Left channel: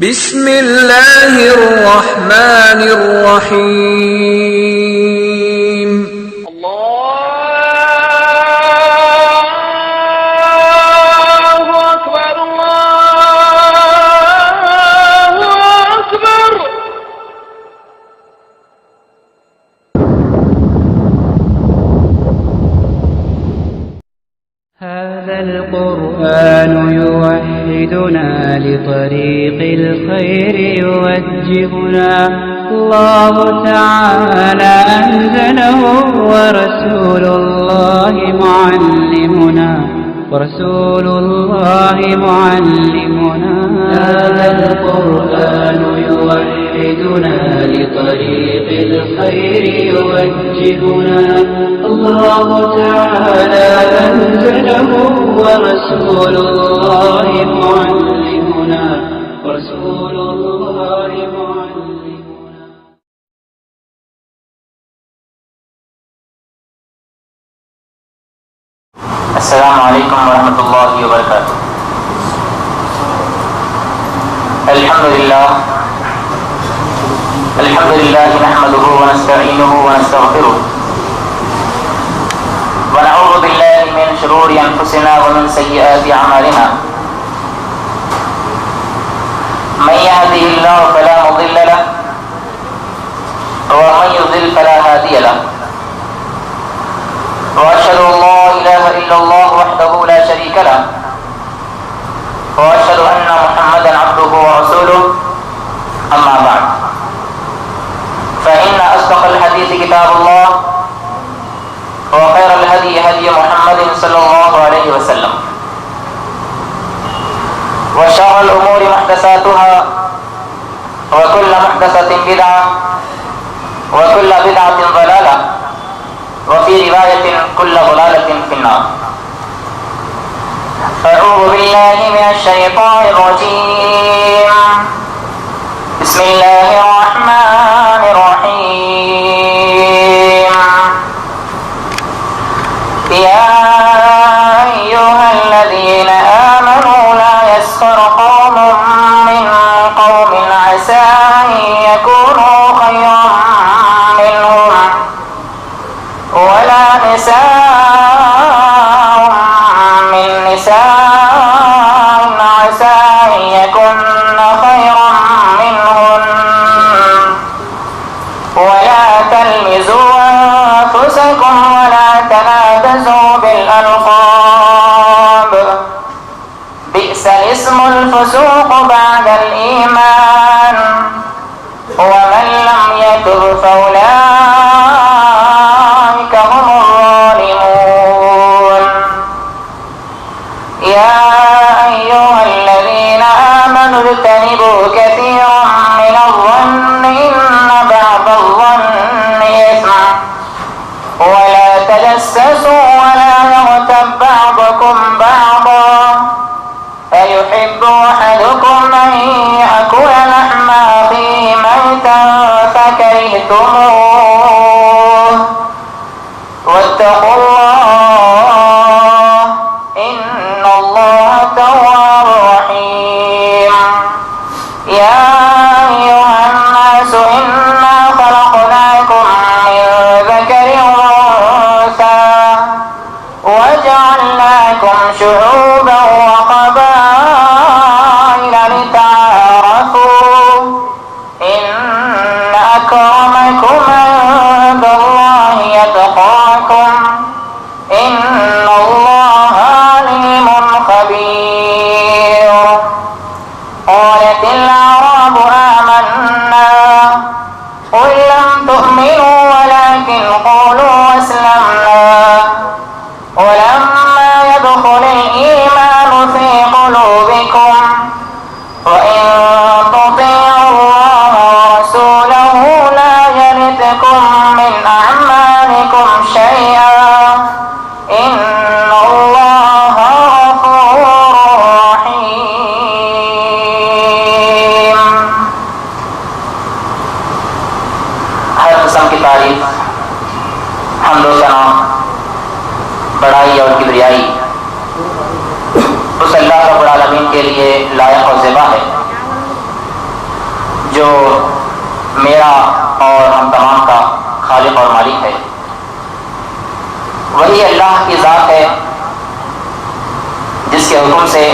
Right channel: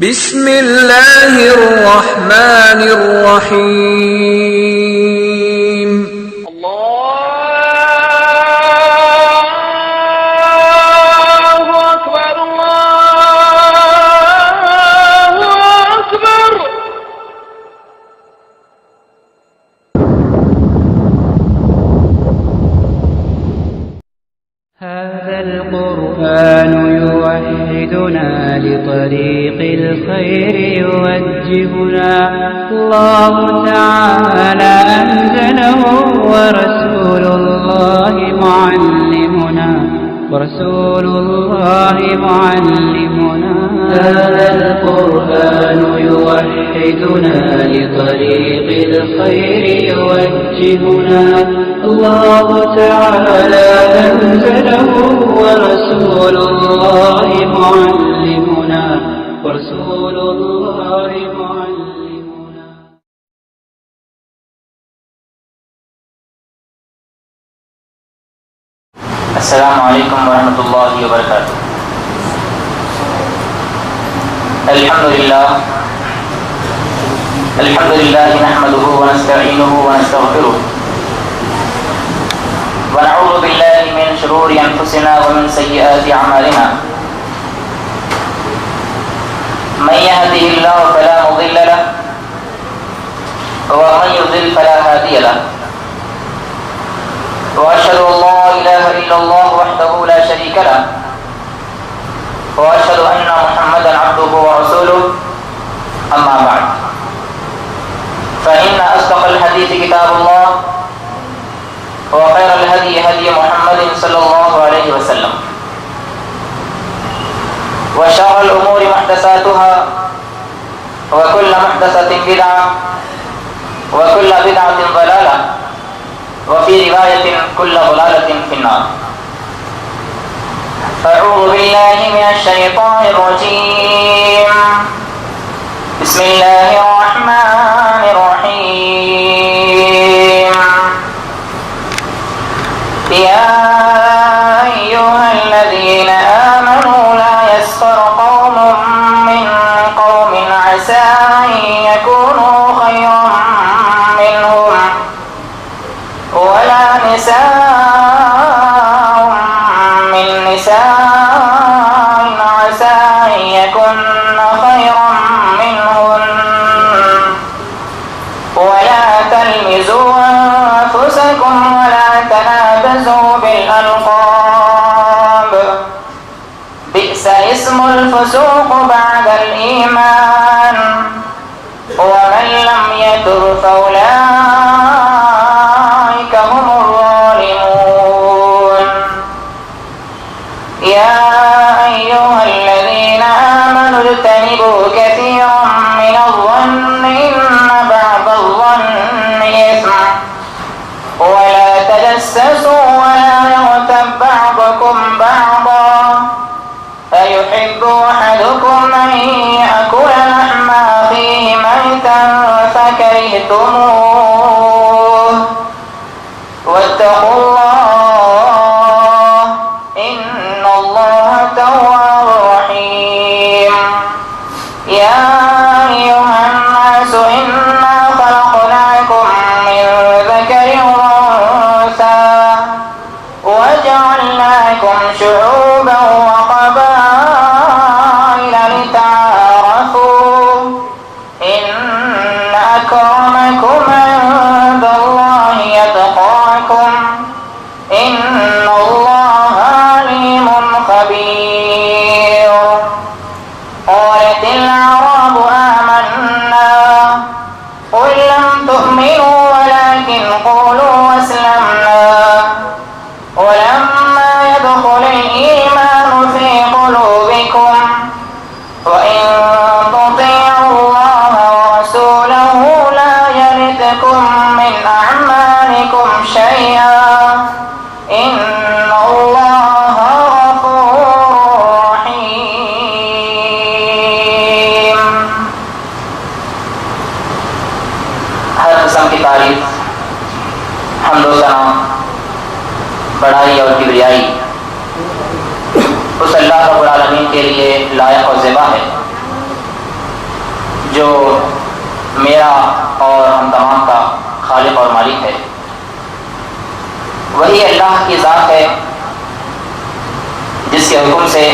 بسم اللہ الرحمن الرحیم اللہ اکبر اللہ اکبر. هذا القرآن يوحدنا لطريق الخير يوجهنا. الله تعالى أنزله ورسول الله معلمنا هذا القرآن يوحدنا لطريق الخير يوجهنا. الله تعالى أنزله ورسول الله معلمنا السلام علیکم ورحمۃ اللہ وبرکاتہ. الحمد للہ نحمده ونستعینه ونستغفره ونعوذ باللہ من شرور انفسنا ومن سیئات اعمالنا. من يهده الله فلا مضل له ومن يضلل فلا هادي له. وأشهد أن لا إله إلا الله وحده لا شريك له وأشهد أن محمدا عبده ورسوله. أما بعد فإن أصدق الحديث كتاب الله وخير الهدي هدي محمد صلى الله عليه وسلم وشر الأمور محدثاتها وكل محدثة بدعة وكل بدعة ضلالة وفي رواية كل ضلالة في النار. أعوذ بالله من الشيطان الرجيم. بسم الله الرحمن الرحيم. يا أيها الذين آمنوا لا يسخر قوم من قوم عسى أن يكونوا خيرا منهم ولا نساء من نساء عسى أن يكن خيرا منهن ولا تلمزوا أنفسكم ولا تنابزوا بالألقاب بئس الاسم الفسوق بعد الإيمان ومن لم يتب فأولئك هم الظالمون. يا أيها الذين آمنوا اجتنبوا كثيرا من الظن إن بعض الظن إثم ولا تجسسوا ولا يغتب بعضكم بعضا أيحب أحدكم أن يأكل لحم أخيه ميتا فكرهتموه واتقوا الله إن الله تواب رحيم. يا أيها الناس إنا خلقناكم من ذكر وأنثى وجعلناكم شعوبا وقبائل لتعارفوا إن أكرمكم عند الله يتقاكم إن الله عليم خبير. قالت الأعراب آمنا قل لم تؤمنوا ولكن قولوا أسلمنا ولما يدخل الإيمان في قلوبكم وإن تطيعوا الله ورسوله لا يلدكم من أعمالكم شيئا إن الله غفور رحيم. ہر قسم کی تعریف حمد و ثنا بڑائی اور کبریائی اس اللہ رب العالمین کے لیے لائق اور زیبا ہے جو میرا اور ہم تمام کا خالق اور مالک ہے، وہی اللہ کی ذات ہے جس کے حکم سے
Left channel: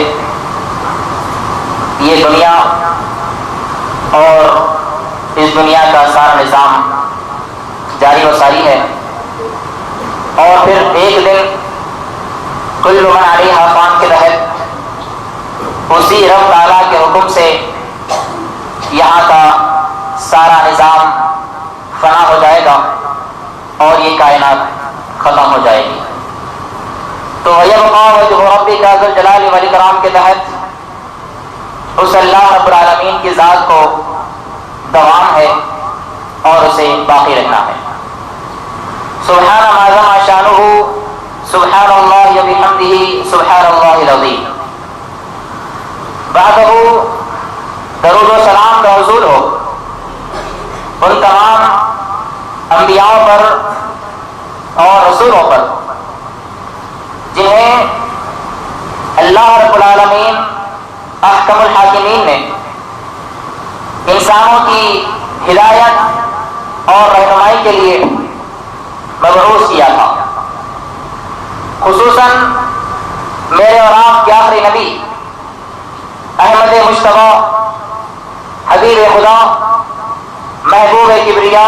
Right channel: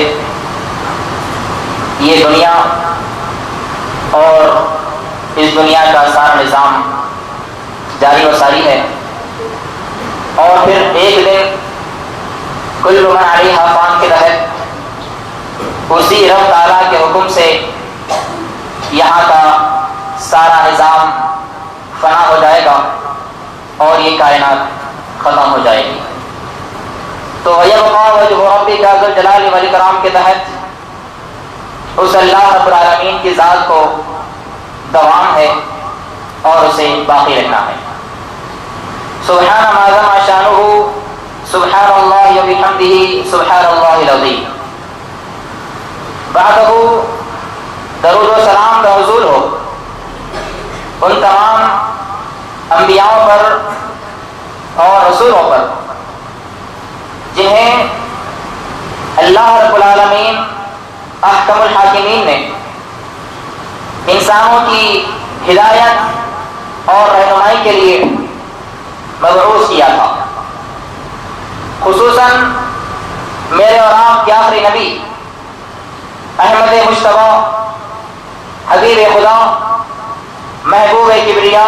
یہ دنیا اور اس دنیا کا سارا نظام جاری و ساری ہے، اور پھر ایک دن کل من علیہا فان کے تحت اسی رب تعالیٰ کے حکم سے یہاں کا سارا نظام فنا ہو جائے گا اور یہ کائنات ختم ہو جائے گی۔ تو وَيَبْقَى وَجْهُ رَبِّكَ ذُو الْجَلَالِ وَالْإِكْرَامِ کے تحت اس اللہ رب العالمین کی ذات کو دوام ہے اور اسے باقی رکھنا ہے۔ سبحان ما عظم شانہ، سبحان اللہ وبحمدہ، سبحان اللہ العظیم۔ بعدہ درود و سلام موصول ہو ان تمام انبیاءوں پر اور رسولوں پر جنہیں اللہ رب العالمین احکم الحاکمین نے انسانوں کی ہدایت اور رہنمائی کے لیے مبعوث کیا تھا، خصوصاً میرے اور آپ کے آخری نبی احمد مجتبیٰ، حبیب خدا، محبوب کبریا،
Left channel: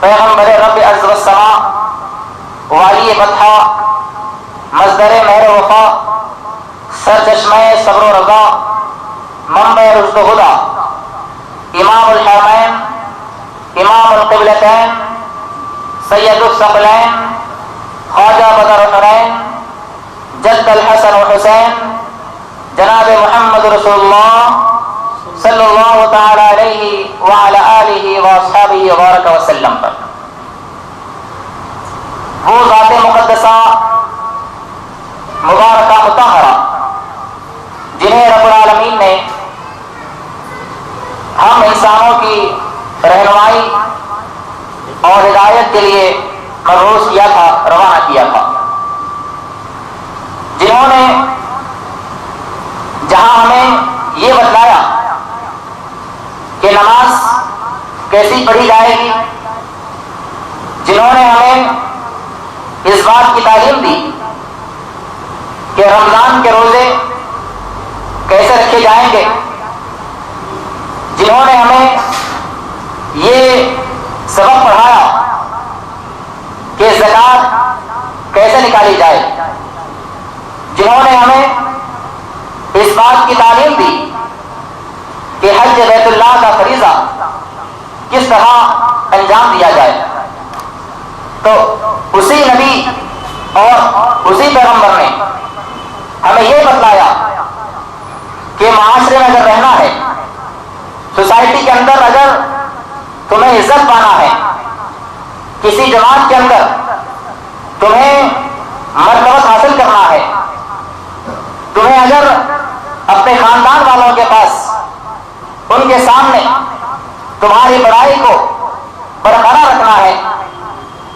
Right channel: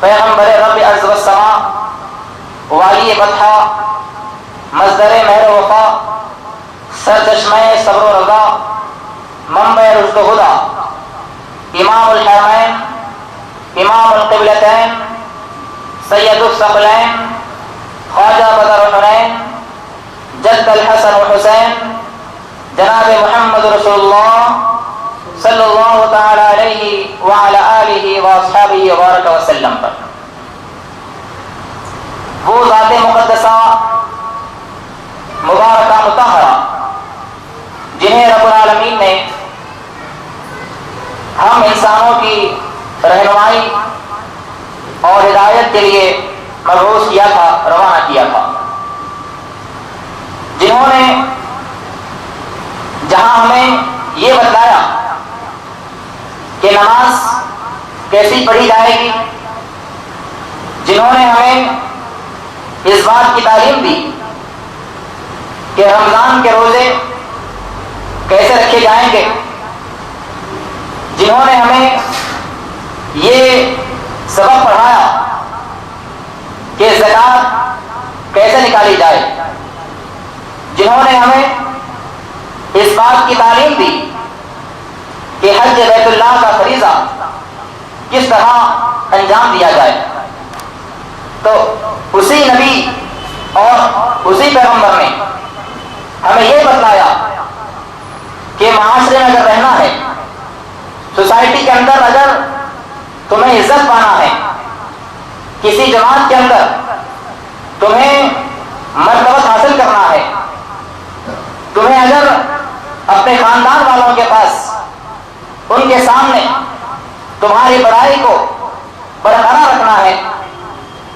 پیغمبر رب عز و سما، والی فتح، مصدر مہر وفا، سرچشمہ صبر و رضا، منبع رشد و ہدی، امام الحرمین، امام القبلتین، سید الثقلین، خواجہ بدر الحنین، جد الحسن والحسین، جناب محمد رسول اللہ صلی اللہ تعالی علیہ وعلی آلہ واصحابہ وبارک وسلم پر۔ وہ ذات مقدسہ مبارکہ مطہرہ جنہیں رب العالمین نے ہم انسانوں کی رہنمائی اور ہدایت کے لیے مبعوث کیا تھا، روانہ کیا تھا، جنہوں نے جہاں ہمیں یہ بتلایا کہ نماز کیسی پڑھی جائے گی، جنہوں نے ہمیں اس بات کی تعلیم دی کہ رمضان کے روزے کیسے رکھے جائیں گے، جنہوں نے ہمیں یہ سبق پڑھایا کہ زکوٰۃ کیسے نکالی جائے، جنہوں نے ہمیں اس بات کی تعلیم دی کہ حج بیت اللہ کا فریضہ کس طرح انجام دیا جائے، تو اسی نبی اور اسی پیغمبر نے ہمیں یہ بتلایا کہ معاشرے میں اگر رہنا ہے، سوسائٹی کے اندر اگر تمہیں عزت پانا ہے، کسی جماعت کے اندر تمہیں مرتبت حاصل کرنا ہے، تمہیں اگر اپنے خاندان والوں کے پاس ان کے سامنے تمہاری بڑائی کو برقرار رکھنا ہے،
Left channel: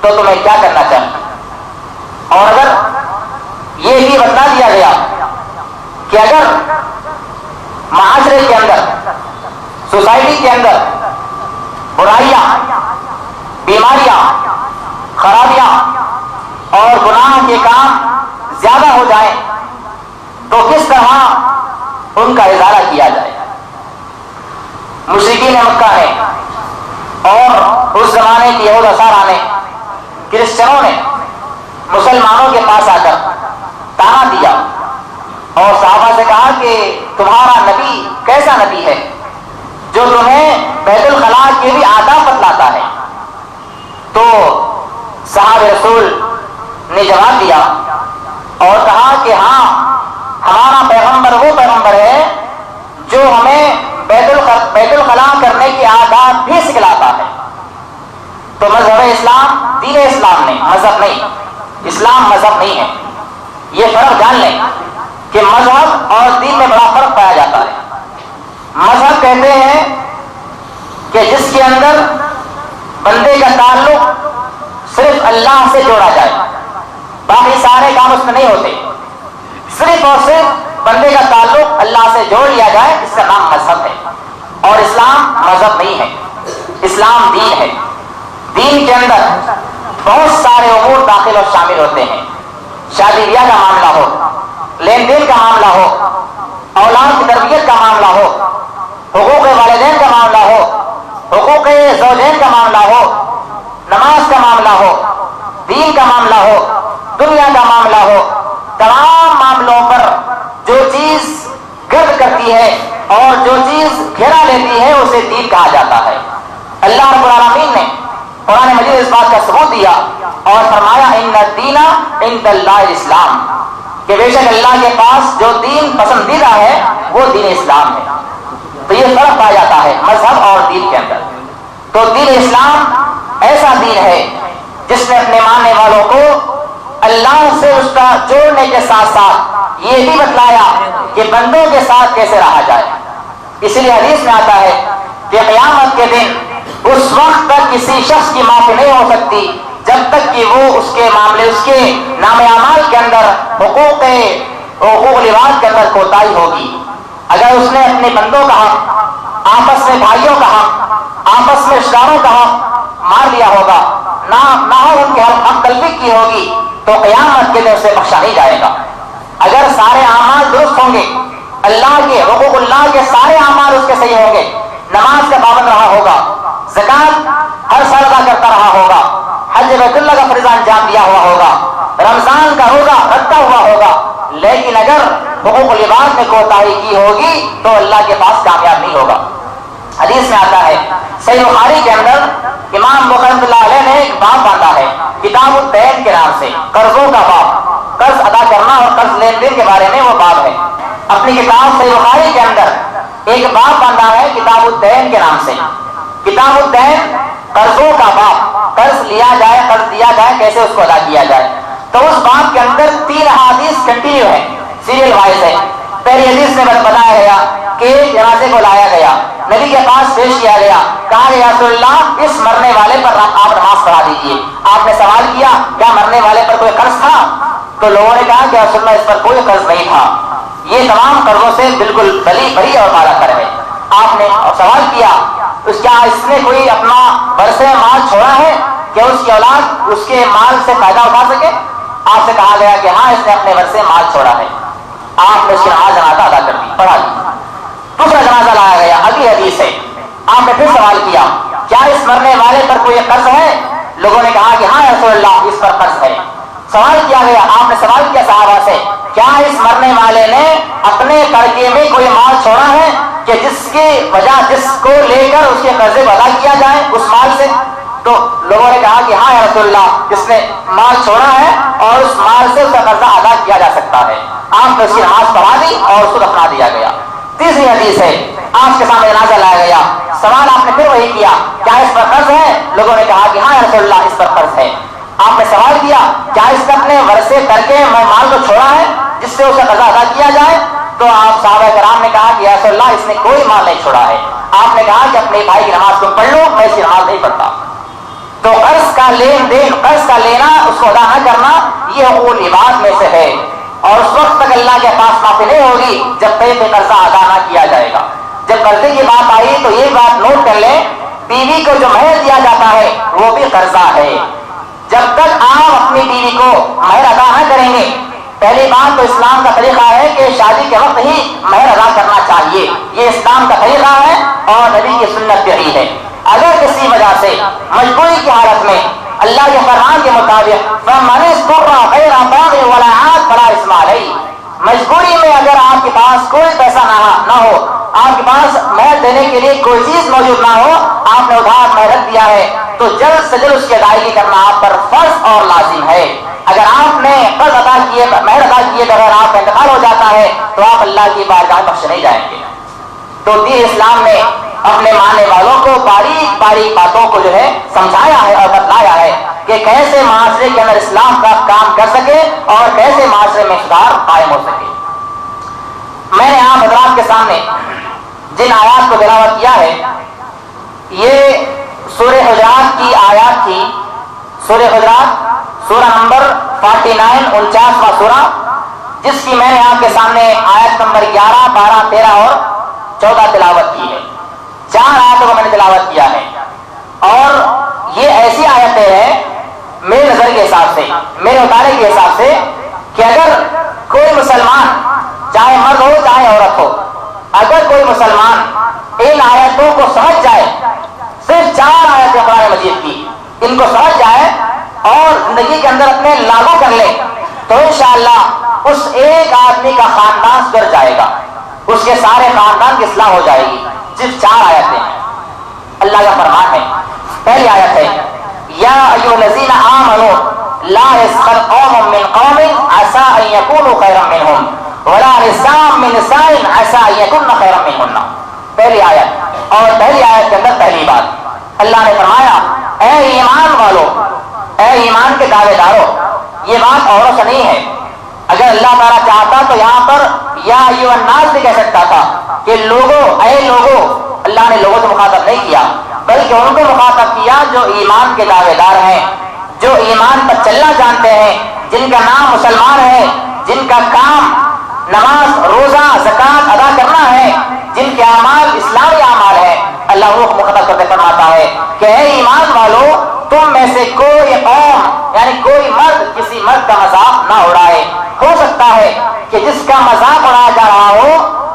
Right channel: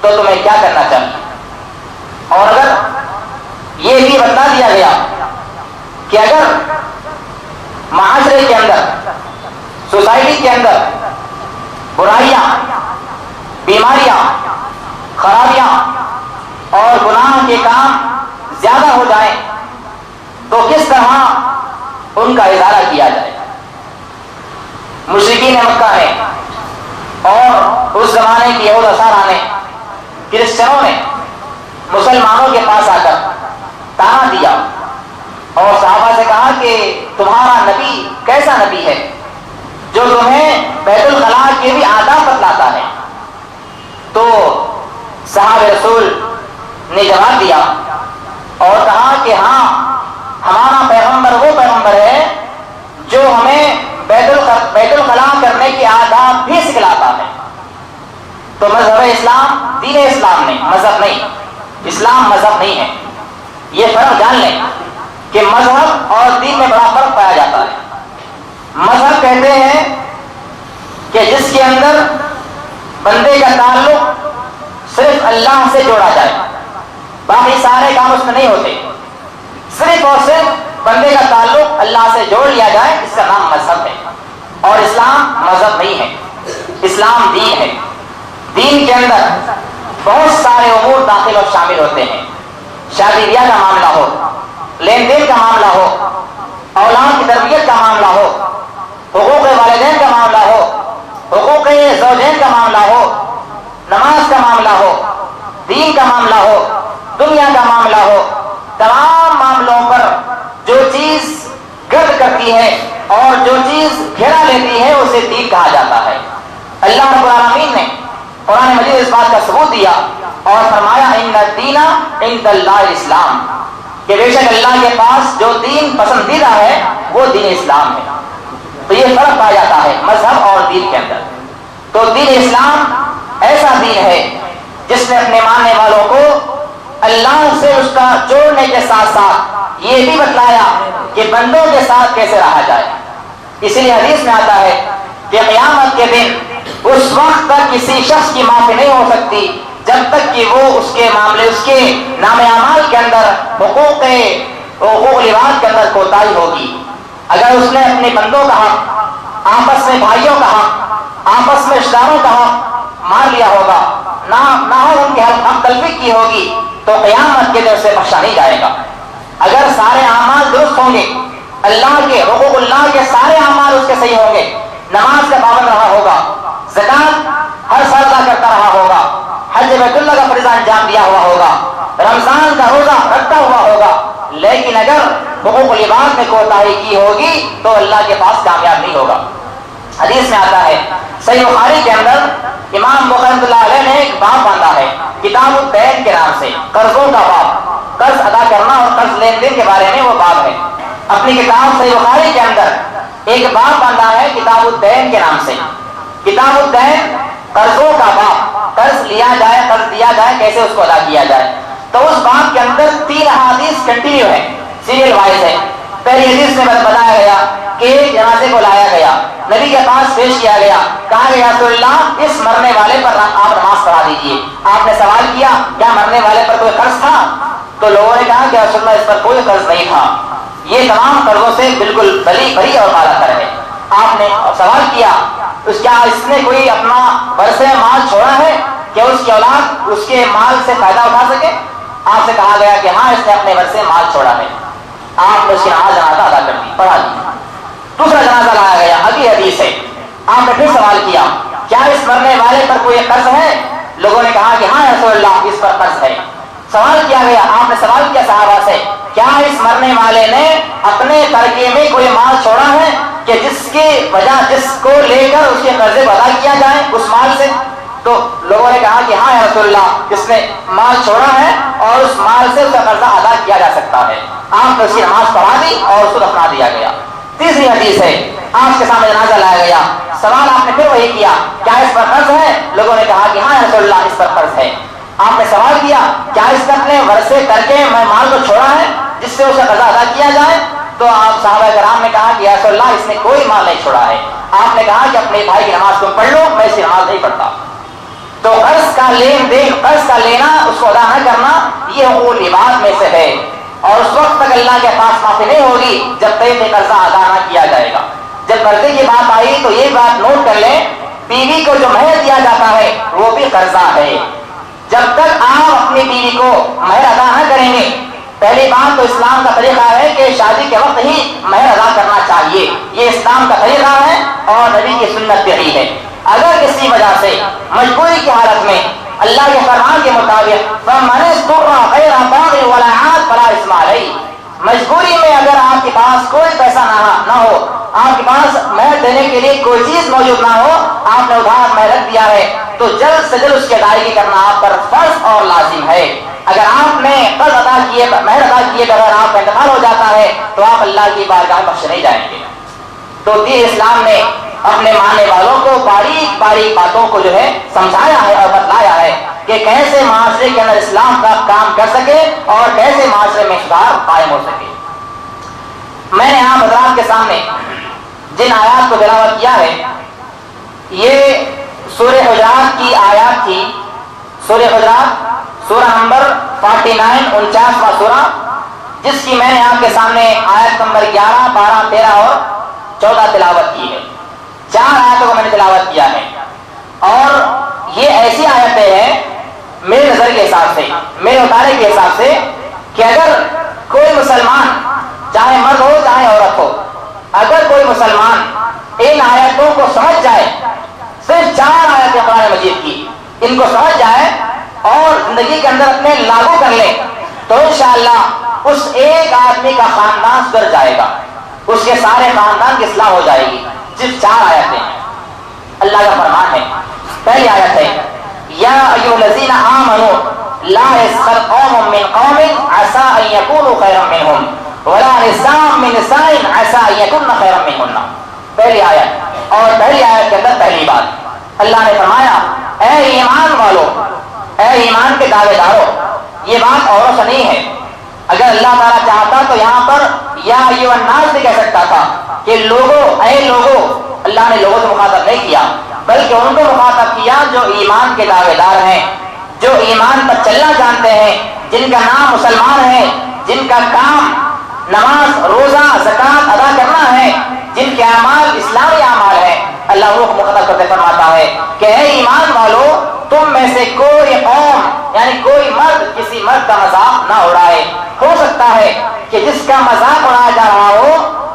تو تمہیں کیا کرنا چاہیے۔ اور اگر یہ بھی بتا دیا گیا کہ اگر معاشرے کے اندر، سوسائٹی کے اندر برائیاں، بیماریاں، خرابیاں اور گناہ کے کام زیادہ ہو جائیں تو کس طرح ان کا ازالہ کیا جائے۔ مشرکین مکہ نے اور اس زمانے کی یہود نصارا نے، کرسچنوں نے مسلمانوں کے پاس آ کر تانا دیا اور صحابہ سے کہا کہ تمہارا نبی کیسا نبی ہے جو تمہیں بیت الخلاء کے بھی آداب بتلاتا ہے۔ تو صحابہ رسول نے جواب دیا اور کہا کہ ہاں، ہمارا پیغمبر وہ پیغمبر ہے جو ہمیں بیت الخلاء کرنے کی آداب بھی سکھلاتا ہے۔ تو مذہب اسلام، دین اسلام نے، مذہب نہیں، اسلام مذہب نہیں ہے، یہ فرق جان لیں کہ مذہب اور دین میں بڑا فرق پایا جاتا ہے۔ مذہب کہتے ہیں کہ جس کے اندر بندے کا تعلق صرف اللہ سے جوڑا جائے، باقی سارے کام اس میں نہیں ہوتے، صرف اور صرف بندے کا تعلق اللہ سے جوڑ لیا جائے، اس کا نام مذہب ہے۔ اور اسلام مذہب نہیں ہے، اسلام دین ہے۔ دین کے اندر بہت سارے امور داخل اور شامل ہوتے ہیں، شادی بیاہ کا معاملہ ہو، لین دین کا معاملہ ہو، اولاد کی تربیت کا معاملہ ہو، حقوق والدین کا معاملہ ہو، حقوق زوجین کا معاملہ ہو، نماز کا معاملہ ہو، دین کا معاملہ ہو، دنیا کا معاملہ ہو، تمام معاملوں پر جو چیز گرد کرتی ہے اور جو چیز گھیرا لیتی ہے اسے دین کہا جاتا ہے۔ اللہ رب العالمین نے قرآن مجید اس بات کا ثبوت دیا اور فرمایا ان الدین عند اللہ الاسلام، کہ بے شک اللہ کے پاس جو دین پسندیدہ ہے وہ دین اسلام ہے۔ تو یہ فرق پایا جاتا ہے مذہب اور دین کے اندر۔ تو دین اسلام ایسا دین ہے جس نے اپنے ماننے والوں کو اللہ سے اس کا جوڑنے کے ساتھ ساتھ یہ بھی بتلایا کہ بندوں کے ساتھ کیسے رہا جائے۔ اسی لیے حدیث میں آتا ہے کہ قیامت کے دن اس وقت تک کسی شخص کی معافی نہیں ہو سکتی جب تک کہ وہ اس کے معاملے، اس کے نام اعمال کے اندر حقوق لباس کے اندر کوتاہی ہوگی۔ اگر اس نے اپنے بندوں کا حق، آپس میں بھائیوں کا حق، آپس میں رشتہ داروں کا حق مار لیا ہوگا، نہ ہو ان کے حق تلفی کی ہوگی، تو قیامت کے دن اسے بخشا نہیں جائے گا۔ اگر سارے اعمال درست ہوں گے، اللہ کے حقوق اللہ کے سارے اعمال اس کے صحیح ہوں گے، نماز کا پابند رہا ہوگا، زکات ہر سال ادا کرتا رہا ہوگا، حج بیت اللہ کا فریضہ انجام دیا ہوا ہوگا، رمضان کا روزہ رکھتا ہوا ہوگا، لیکن اگر حقوق لباس میں کوتاہی کی ہوگی تو اللہ کے پاس کامیاب نہیں ہوگا۔ حدیث میں آتا ہے صحیح بخاری کے اندر امام بخاری رحمۃ اللہ علیہ نے ایک باب باندھا ہے کتاب الدین کے نام سے، قرضوں کا باب، قرض ادا کرنا اور قرض لین دین کے بارے میں وہ باب ہے۔ اپنی کتاب صحیح بخاری کے اندر ایک باب باندھا ہے کتاب الدین کے نام سے، کتاب الدین قرضوں کا باب، قرض لیا جائے، قرض دیا جائے، کیسے اس کو ادا کیا جائے۔ تو اس باب کے اندر 3 احادیث کنٹینیو ہے، سیریل وائز ہے۔ پہلی حدیث میں بتایا گیا کہ ایک جنازے کو لایا گیا، نبی کے پاس پیش کیا گیا، کہا گیا رسول اللہ اس مرنے والے پر آپ نماز پڑھا دیجیے۔ آپ نے سوال کیا کیا مرنے والے پر کوئی قرض تھا؟ تو لوگوں نے کہا کہ رسول اللہ اس پر کوئی قرض نہیں تھا، یہ تمام قرضوں سے بالکل بری اور بالا تر ہے۔ آپ نے سوال کیا کیا اس نے کوئی اپنا ورثے مال چھوڑا ہے کہ اس کی اولاد اس کے مال سے فائدہ اٹھا سکے؟ آپ سے کہا گیا کہ ہاں اس نے اپنے ورثے مال چھوڑا ہے۔ آپ نے اس کی نماز جنازہ ادا کر دی، پڑھا دی۔ دوسرا جنازہ لایا گیا، اگلی حدیث ہے، آپ نے پھر سوال کیا کیا اس مرنے والے پر کوئی قرض ہے؟ لوگوں نے کہا کہ ہاں رسول اللہ اس پر قرض ہے۔ سوال کیا گیا، آپ نے سوال کیا صحابہ سے کیا اس مرنے والے نے اپنے ترکے میں کوئی مال چھوڑا ہے کہ جس کی وجہ جس کو لے کر اس کے قرضے کو ادا کیا جائے اس مال سے؟ تو لوگوں نے کہا کہ ہاں یا رسول اللہ اس نے مال چھوڑا ہے اور اس مال سے اس کا قرضہ ادا کیا جا سکتا ہے۔ آپ نے اس کی نماز پڑھا دی اور اس کو دفنا دیا گیا۔ تیسری حدیث ہے، آپ کے سامنے جنازہ لایا گیا، سوال آپ نے پھر وہی کیا کیا اس پر قرض ہے؟ لوگوں نے کہا کہ ہاں یا رسول اللہ اس پر قرض ہے۔ آپ نے سوال کیا کیا اس نے اپنے ورثے ترکے میں مال کو چھوڑا ہے جس سے اسے قرضہ ادا کیا جائے؟ تو آپ صحابہ کرام نے کہا کہ یا رسول اللہ اس نے کوئی مال نہیں چھوڑا ہے۔ آپ نے کہا کہ اپنے بھائی کی نماز تم پڑھ لو، میں اس کی نماز نہیں پڑھتا۔ تو قرض کا لین دین، قرض کا لینا، اس کو ادا نہ کرنا، یہ حقوق العباد میں سے ہے، اور اس وقت تک اللہ کے پاس معافی نہیں ہوگی جب تک یہ قرضہ ادا نہ کیا جائے گا۔ جب قرضے کی بات آئی تو یہ بات نوٹ کر لیں، بیوی کو جو مہر دیا جاتا ہے وہ بھی قرضہ ہے۔ جب تک آپ اپنی بیوی کو مہر ادا نہ کریں گے، پہلی بات تو اسلام کا طریقہ ہے کہ شادی کے وقت ہی مہر ادا کرنا چاہیے، یہ اسلام کا طریقہ ہے اور نبی کی سنت بھی ہے۔ اگر کسی وجہ سے مجبوری کی حالت میں اللہ کے فرمان کے مطابق فَمَنِ اضْطُرَّ غَيْرَ بَاغٍ وَلَا عَادٍ فَلَا إِثْمَ عَلَيْهِ، مجبوری میں اگر آپ کے پاس کوئی پیسہ نہ ہو، آپ کے پاس مہر دینے کے لیے کوئی چیز موجود نہ ہو، آپ نے ادھار مہر رکھ دیا ہے، تو جلد سے جلد اس کی ادائیگی کرنا آپ پر فرض اور لازم ہے۔ اگر آپ نے قرض ادا کیے، مہر ادا کیے بغیر آپ کا انتقال ہو جاتا ہے تو آپ اللہ کی بارگاہ میں بخشے نہیں جائیں گے۔ تو دین اسلام نے اپنے ماننے والوں کو باریک باریک باتوں کو جو ہے سمجھایا ہے اور بتلایا ہے کہ کیسے معاشرے کے اندر اسلام کا کام کر سکے اور کیسے معاشرے میں سدھار قائم ہو سکے۔ میں نے آپ حضرات کے سامنے جن آیات کو تلاوت کیا ہے یہ سورہ حجرات کی آیات تھی، سورہ حجرات سورہ نمبر 49 49واں سورہ، جس کی میں نے آپ کے سامنے آیت نمبر 11 12 13 اور 14 تلاوت کی ہے۔ 4 آیتوں کو میں نے میرے مطالعے کے حساب سے کہ اگر کوئی مسلمان چاہے مرد ہو چاہے عورت ہو، اگر کوئی مسلمان ان آیتوں کو سمجھ جائے، صرف 4 آیتیں قرآن مجید کی، ان کو سمجھ جائے اور زندگی کے اندر اپنے لاگو کر لے، تو انشاءاللہ اس ایک آدمی کا خاندان سدھر جائے گا، اس کے سارے خاندان کی اصلاح ہو جائے گی۔ صرف 4 آیتیں اللہ کا فرمان ہے۔ پہلی آیت ہے یا ایھا الذین آمنوا لا یسخر قوم من قوم عسى ان یکونوا خیرا منهم ولا نساء من نساء عسى ان یکن خیرا منهن۔ پہلی آیت، اور پہلی آیت کے اندر پہلی بات اللہ نے فرمایا اے ایمان والو، اے ایمان کے دعوے دارو، یہ بات اوروں سے نہیں ہے۔ اگر اللہ تعالیٰ چاہتا تو یہاں پر یا ایھا الناس بھی کہہ سکتا تھا کہ لوگوں، اے لوگوں، اللہ نے لوگوں سے مخاطب نہیں کیا بلکہ ان کو مخاطب کیا جو ایمان کے دعوے دار ہیں، جو ایمان پر چلنا جانتے ہیں، جن کا نام مسلمان ہے، جن کا کام نماز روزہ زکوٰۃ ادا کرنا ہے، جن کے اعمال اسلامی اعمال ہیں۔ اللہ وہ مخاطب کرتے فرماتا ہے کہ اے ایمان والو، تم میں سے کوئی قوم یعنی کوئی مرد کسی مرد کا مذاق نہ اڑائے۔ ہو سکتا ہے کہ جس کا مذاق اڑایا جا رہا ہو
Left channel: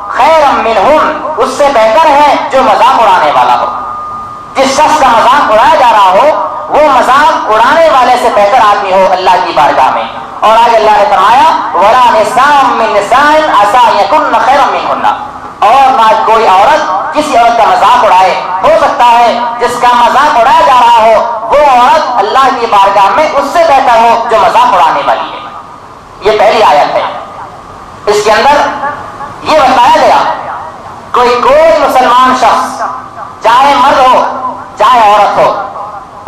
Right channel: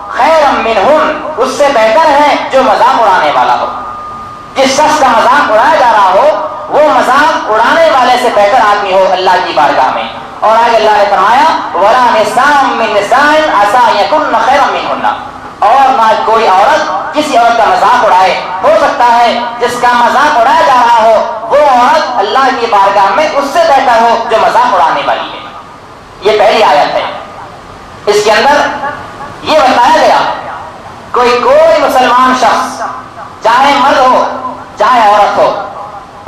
خیر منہم، اس سے بہتر ہے جو مذاق اڑانے والا ہو۔ جس شخص کا مذاق اڑایا جا رہا ہو وہ مذاق اڑانے والے سے بہتر آدمی ہو اللہ کی بارگاہ میں۔ اور آگے اللہ نے فرمایا وَلَا نِسَاءٌ مِّن نِسَاءٍ عَسَىٰ أَن يَكُنَّ خَيْرًا مِّنْهُنَّ، اور نہ کوئی عورت کسی عورت کا مذاق اڑائے۔ ہو سکتا ہے جس کا مذاق اڑایا جا رہا ہو وہ عورت اللہ کی بارگاہ میں اس سے بہتر ہو جو مذاق اڑانے والی ہے۔ یہ پہلی آیت ہے۔ اس کے اندر یہ بتایا گیا کوئی مسلمان شخص چاہے مرد ہو چاہے عورت ہو،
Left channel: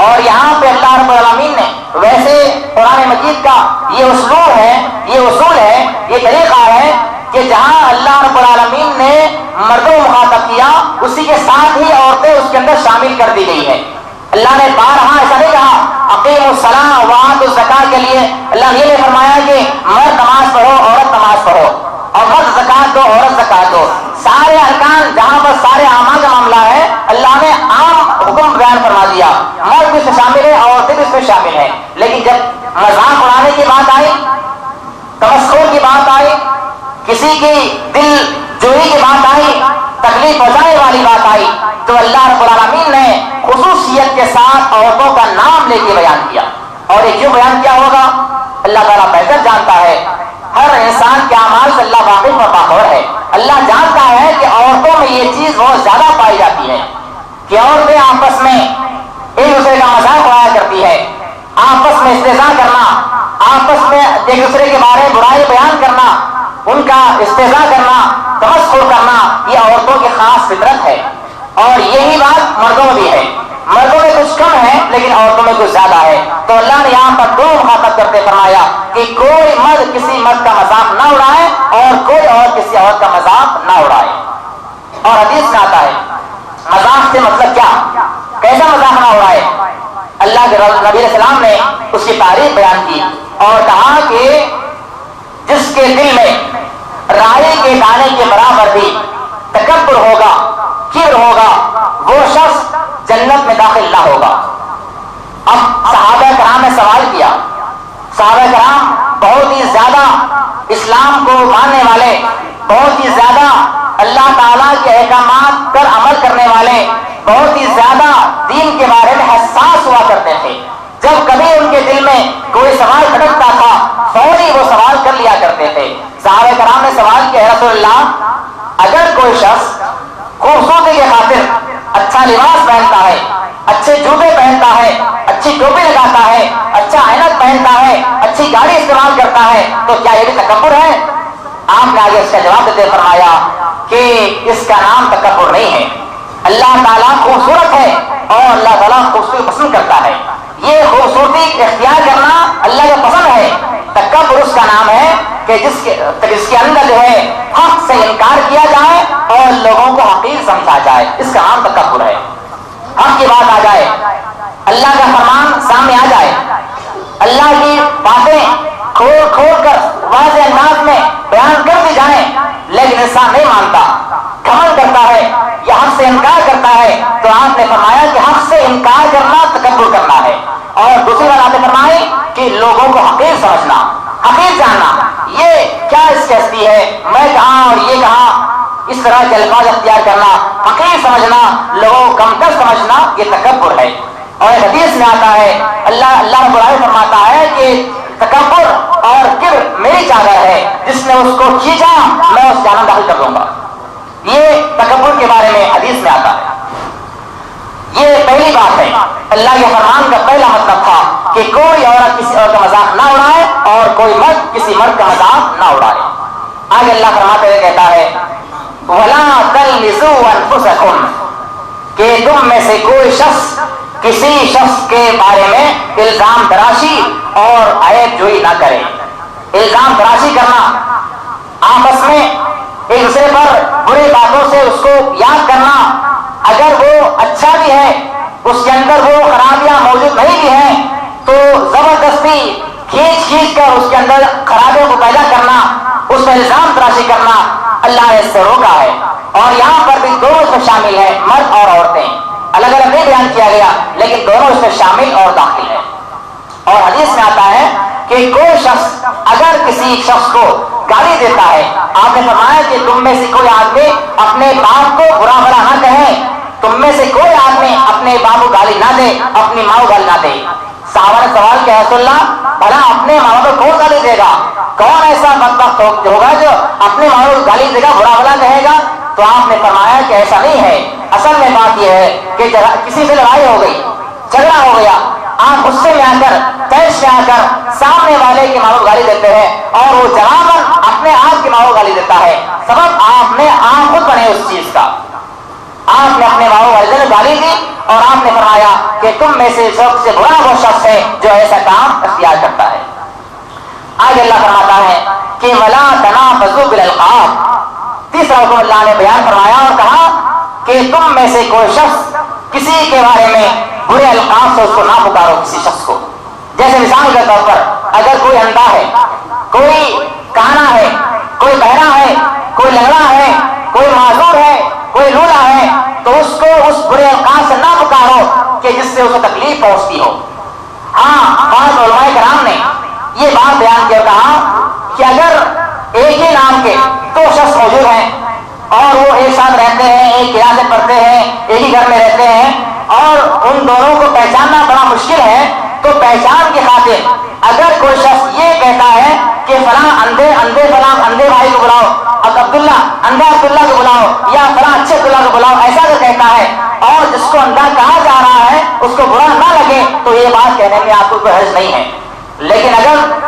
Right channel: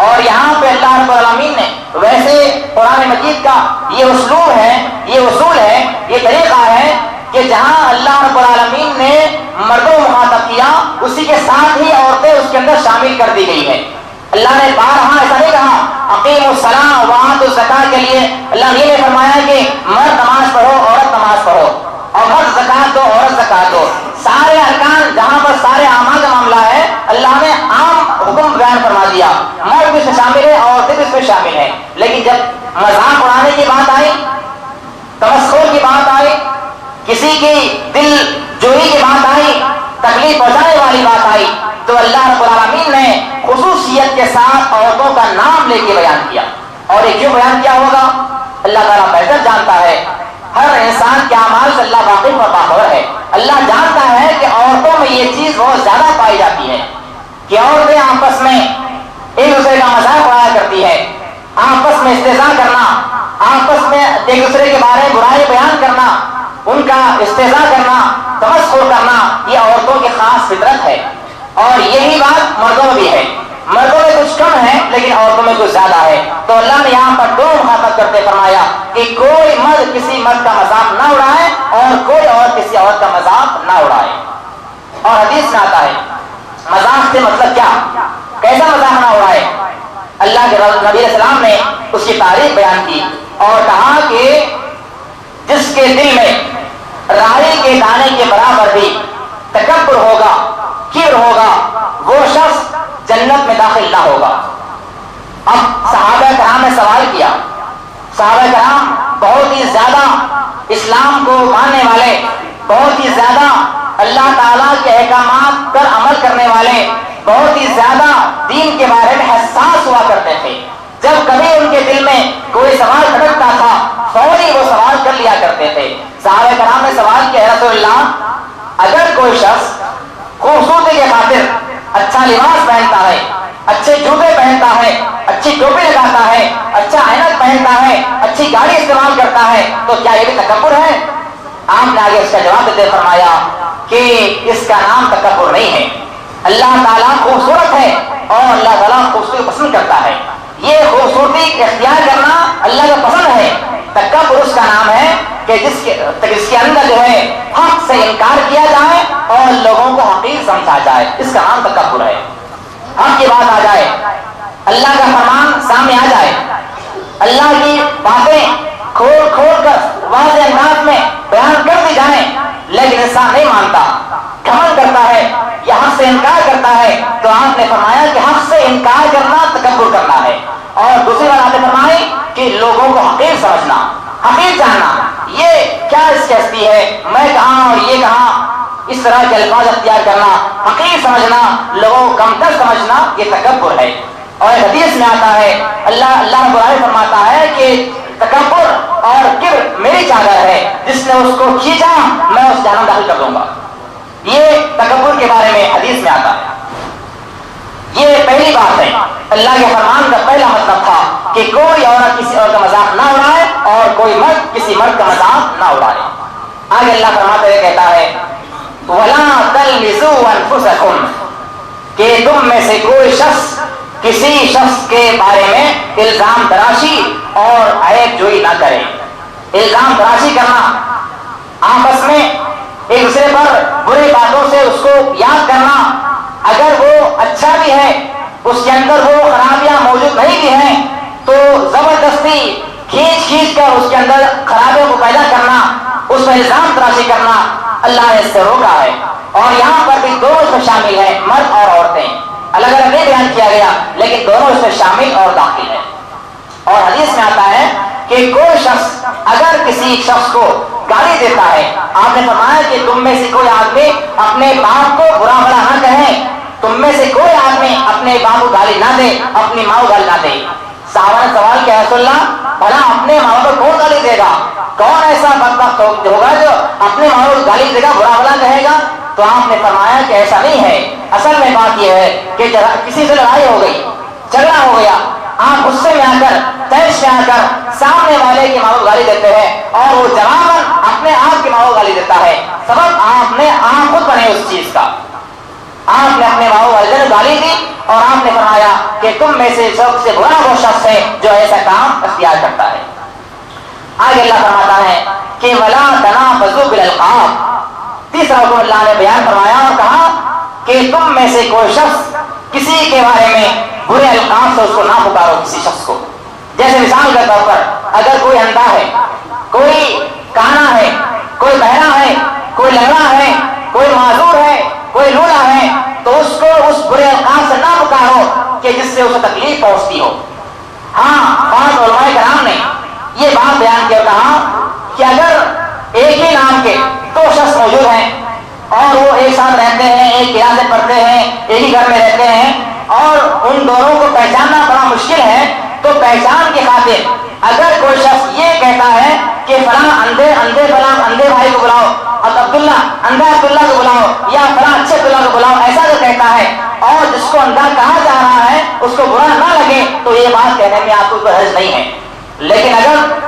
اور یہاں پہ اللہ رب العالمین نے ویسے قرآن مجید کا یہ اسلوب ہے، یہ اصول ہے، یہ طریقہ ہے کہ جہاں اللہ رب العالمین نے مردوں کو مخاطب کیا اسی کے ساتھ ہی عورتیں اس کے اندر شامل کر دی گئی ہیں۔ اللہ نے بارہا ایسا نہیں کہا اقیموا الصلاۃ وآتوا الزکاۃ کے لیے اللہ نے یہ فرمایا کہ مرد نماز پڑھو عورت نماز پڑھو، اور مرد زکوٰۃ دو عورت زکوٰۃ دو۔ سارے ارکان جہاں پر سارے اعمال کا معاملہ ہے اللہ نے عام حکم بیان فرما دیا، مرد بھی اس میں شامل ہے عورتیں بھی اس میں شامل ہیں۔ لیکن جب مذاق اڑانے کی بات آئی، تمسخر کی بات آئی، کسی کی دل جوئی کی بات آئی، تکلیف پہنچانے والی بات آئی، تو اللہ رب العالمین نے خصوصیت کے ساتھ عورتوں کا نام لے کے بیان کیا۔ اور یہ کیوں بیان کیا ہوگا اللہ تعالیٰ بہتر جانتا ہے۔ ہر انسان کے اعمال سے اللہ واقف و باخبر ہے۔ اللہ جانتا ہے کہ عورتوں میں یہ چیز بہت زیادہ پائی جاتی ہے کہ عورتیں آپس میں ایک دوسرے کا مذاق اڑایا کرتی ہے، آپس میں استہزاء کرنا، آپس میں ایک دوسرے کے بارے میں برائی بیان کرنا، ان کا استہزاء کرنا، تمسخر کرنا، یہ عورتوں کی خاص فطرت ہے۔ اور یہی بات مردوں میں بھی ہے، مردوں میں کچھ کم ہے لیکن عورتوں میں کچھ زیادہ ہے۔ تو اللہ نے یہاں پر دو مخاطب کرتے فرمایا کہ کوئی مرد کسی مرد کا مذاق نہ اڑائے اور کوئی اور کسی عورت کا مذاق نہ اڑائے۔ اور حدیث میں آتا ہے مذاق سے مطلب کیا، کیسا مذاق نہ اڑائے۔ اللہ کے نبی علیہ السلام نے اس کی تعریف بیان کی اور کہا کہ جس کے دل میں رائی کے دانے کے برابر بھی تکبر ہوگا، کبر ہوگا، وہ شخص جنت میں داخل نہ ہوگا۔ اب صحابہ کرام نے سوال کیا، صحابہ کرام بہت ہی زیادہ اسلام کو ماننے والے، بہت ہی زیادہ اللہ تعالیٰ کے احکامات پر عمل کرنے والے، بہت ہی زیادہ دین کے بارے میں حساس ہوا کرتے تھے۔ جب کبھی ان کے دل میں کوئی سوال کھٹکتا تھا فوری وہ سوال کر لیا کرتے تھے۔ صحابہ کرام نے سوال کیا رسول اللہ اگر کوئی شخص خوبصورتی کی خاطر اچھا لباس پہنتا ہے، اچھے جوتے پہنتا ہے، اچھی ٹوپی لگاتا ہے، اچھا عینک پہنتا ہے، اچھی گاڑی استعمال کرتا ہے تو کیا یہ بھی تکبر ہے؟ آپ نے آگے اس کا جواب دیتے فرمایا کہ اس کا نام تکبر نہیں ہے۔ اللہ تعالیٰ خوبصورت ہے اور اللہ تعالیٰ خوبصورتی پسند کرتا ہے، یہ خوبصورتی اختیار کرنا اللہ کا پسند ہے۔ تکبر اس کا نام ہے کہ جس کے اندر جو ہے حق سے انکار کیا جائے اور لوگوں کو حقیر سمجھا جائے، اس کا نام تکبر ہے۔ حق کی بات آ جائے، اللہ کا فرمان سامنے آ جائے، اللہ کی باتیں کھول کھول کر واضح انداز میں بیان کر دی جائیں، لیکن انسان نہیں مانتا، گھمنڈ کرتا ہے یا حق سے انکار کرتا ہے، تو آپ نے فرمایا کہ حق سے انکار کرنا تکبر کرنا ہے۔ اور دوسری بات آپ نے فرمائی کہ لوگوں کو حقیر سمجھنا، حقیر جاننا، یہ کیا اس کی ہستی ہے، میں کہاں اور یہ کہاں، اس طرح کے الفاظ اختیار کرنا، حقیر سمجھنا، لوگوں کو کمتر سمجھنا، یہ تکبر ہے۔ اور ایک حدیث میں آتا ہے اللہ رب العالمین فرماتا ہے کہ تکبر اور کبر میری چادر ہے، جس نے اس کو کھینچا میں اس جہنم داخل کر دوں گا۔ یہ تکبر کے بارے میں حدیث میں آتا ہے۔ یہ پہلی بات ہے، اللہ کے فرمان کا پہلا مطلب تھا کہ کوئی عورت کسی اور کا مذاق نہ اڑائے اور کوئی مرد کسی مرد کا مذاق نہ اڑائے۔ آگے اللہ فرماتے ہوئے کہتا ہے وَلَا تَلْمِزُوا أَنفُسَكُمْ، کہ تم میں سے کوئی شخص کسی شخص کے بارے میں الزام تراشی اور عیب جوئی نہ کرے۔ الزام تراشی کرنا، آپس میں ایک دوسرے پر بری باتوں سے اس کو یاد کرنا، اگر وہ اچھا بھی ہے اس کے اندر وہ خرابیاں موجود نہیں بھی ہیں تو زبردستی کھینچ کر اس کے اندر خرابیوں کو پیدا کرنا، اس پر الزام تراشی کرنا، اللہ نے اس سے روکا ہے۔ اور یہاں پر بھی دونوں اس میں شامل ہیں، مرد اور عورتیں، الگ الگ نہیں بیان کیا گیا لیکن دونوں اس میں شامل اور داخل ہیں۔ اور حدیث میں آتا ہے کہ کوئی شخص اگر کسی شخص کو گالی دیتا ہے، آپ نے فرمایا کہ تم میں سے کوئی آدمی اپنے باپ کو برا بھلا نہ کہے، تم میں سے کوئی آدمی اپنے باپ کو گالی نہ دے، اپنی ماں کو گالی نہ دے۔ صحابہ نے سوال کیا رسول اللہ بھلا اپنے ماں کو کون گالی دے گا، کون ایسا بدبخت ہوگا جو اپنے ماں کو گالی دے گا، برا بھلا کہے گا؟ تو آپ نے فرمایا کہ ایسا نہیں ہے، اصل میں بات یہ ہے کہ کسی سے لڑائی ہو گئی، جھگڑا ہو گیا، آپ غصے میں آ کر تیش میں آ کر سامنے والے کی ماں کو گالی دیتے ہیں اور وہ جواباً اپنے آپ کی ماں کو گالی دیتا ہے، سبب آپ خود بنے اس چیز کا۔ آپ نے اپنے ماں کو گالی دی اور آپ نے فرمایا کہ تم میں سے سب سے برا وہ شخص ہے جو ایسا کام اختیار کرتا ہے۔ آگے اللہ فرماتا ہے کہ وَلَا تَنَابَزُوا بِالْأَلْقَابِ، تیسرا حکم اللہ نے بیان فرمایا اور کہا کہ تم میں سے کوئی شخص کسی کے بارے میں برے القاب سے اس کو نہ پکارو، کسی شخص کو۔ جیسے مثال کے طور پر اگر کوئی اندھا ہے، کوئی کانا ہے، کوئی بہرا ہے، کوئی لنگڑا ہے، کوئی معذور ہے، کوئی لولا ہے، تو اس کو اس برے القاب سے نہ پکارو کہ جس سے اسے تکلیف پہنچتی ہو۔ ہاں، بعض علماء کرام نے یہ بات بیان کیا، کہا کہ اگر ایک ہی نام کے دو شخص موجود ہیں اور وہ ایک ساتھ رہتے ہیں، ایک کلاس میں پڑھتے ہیں، ایک ہی گھر میں رہتے ہیں اور ان دونوں کو پہچاننا بڑا مشکل ہے، تو پہچان کی خاطر اگر کوئی شخص یہ کہتا ہے کہ فلاں اندھے بھائی کو بلاؤ، اب اندھا عبداللہ کو بلاؤ، یا فلاں اچھے عبداللہ کو بلاؤ، ایسا جو کہتا ہے اور جس کو اندھا کہا جا رہا ہے اس کو برا نہ لگے تو یہ بات کہنے میں آپ کو کوئی حرج نہیں ہے۔ لیکن اگر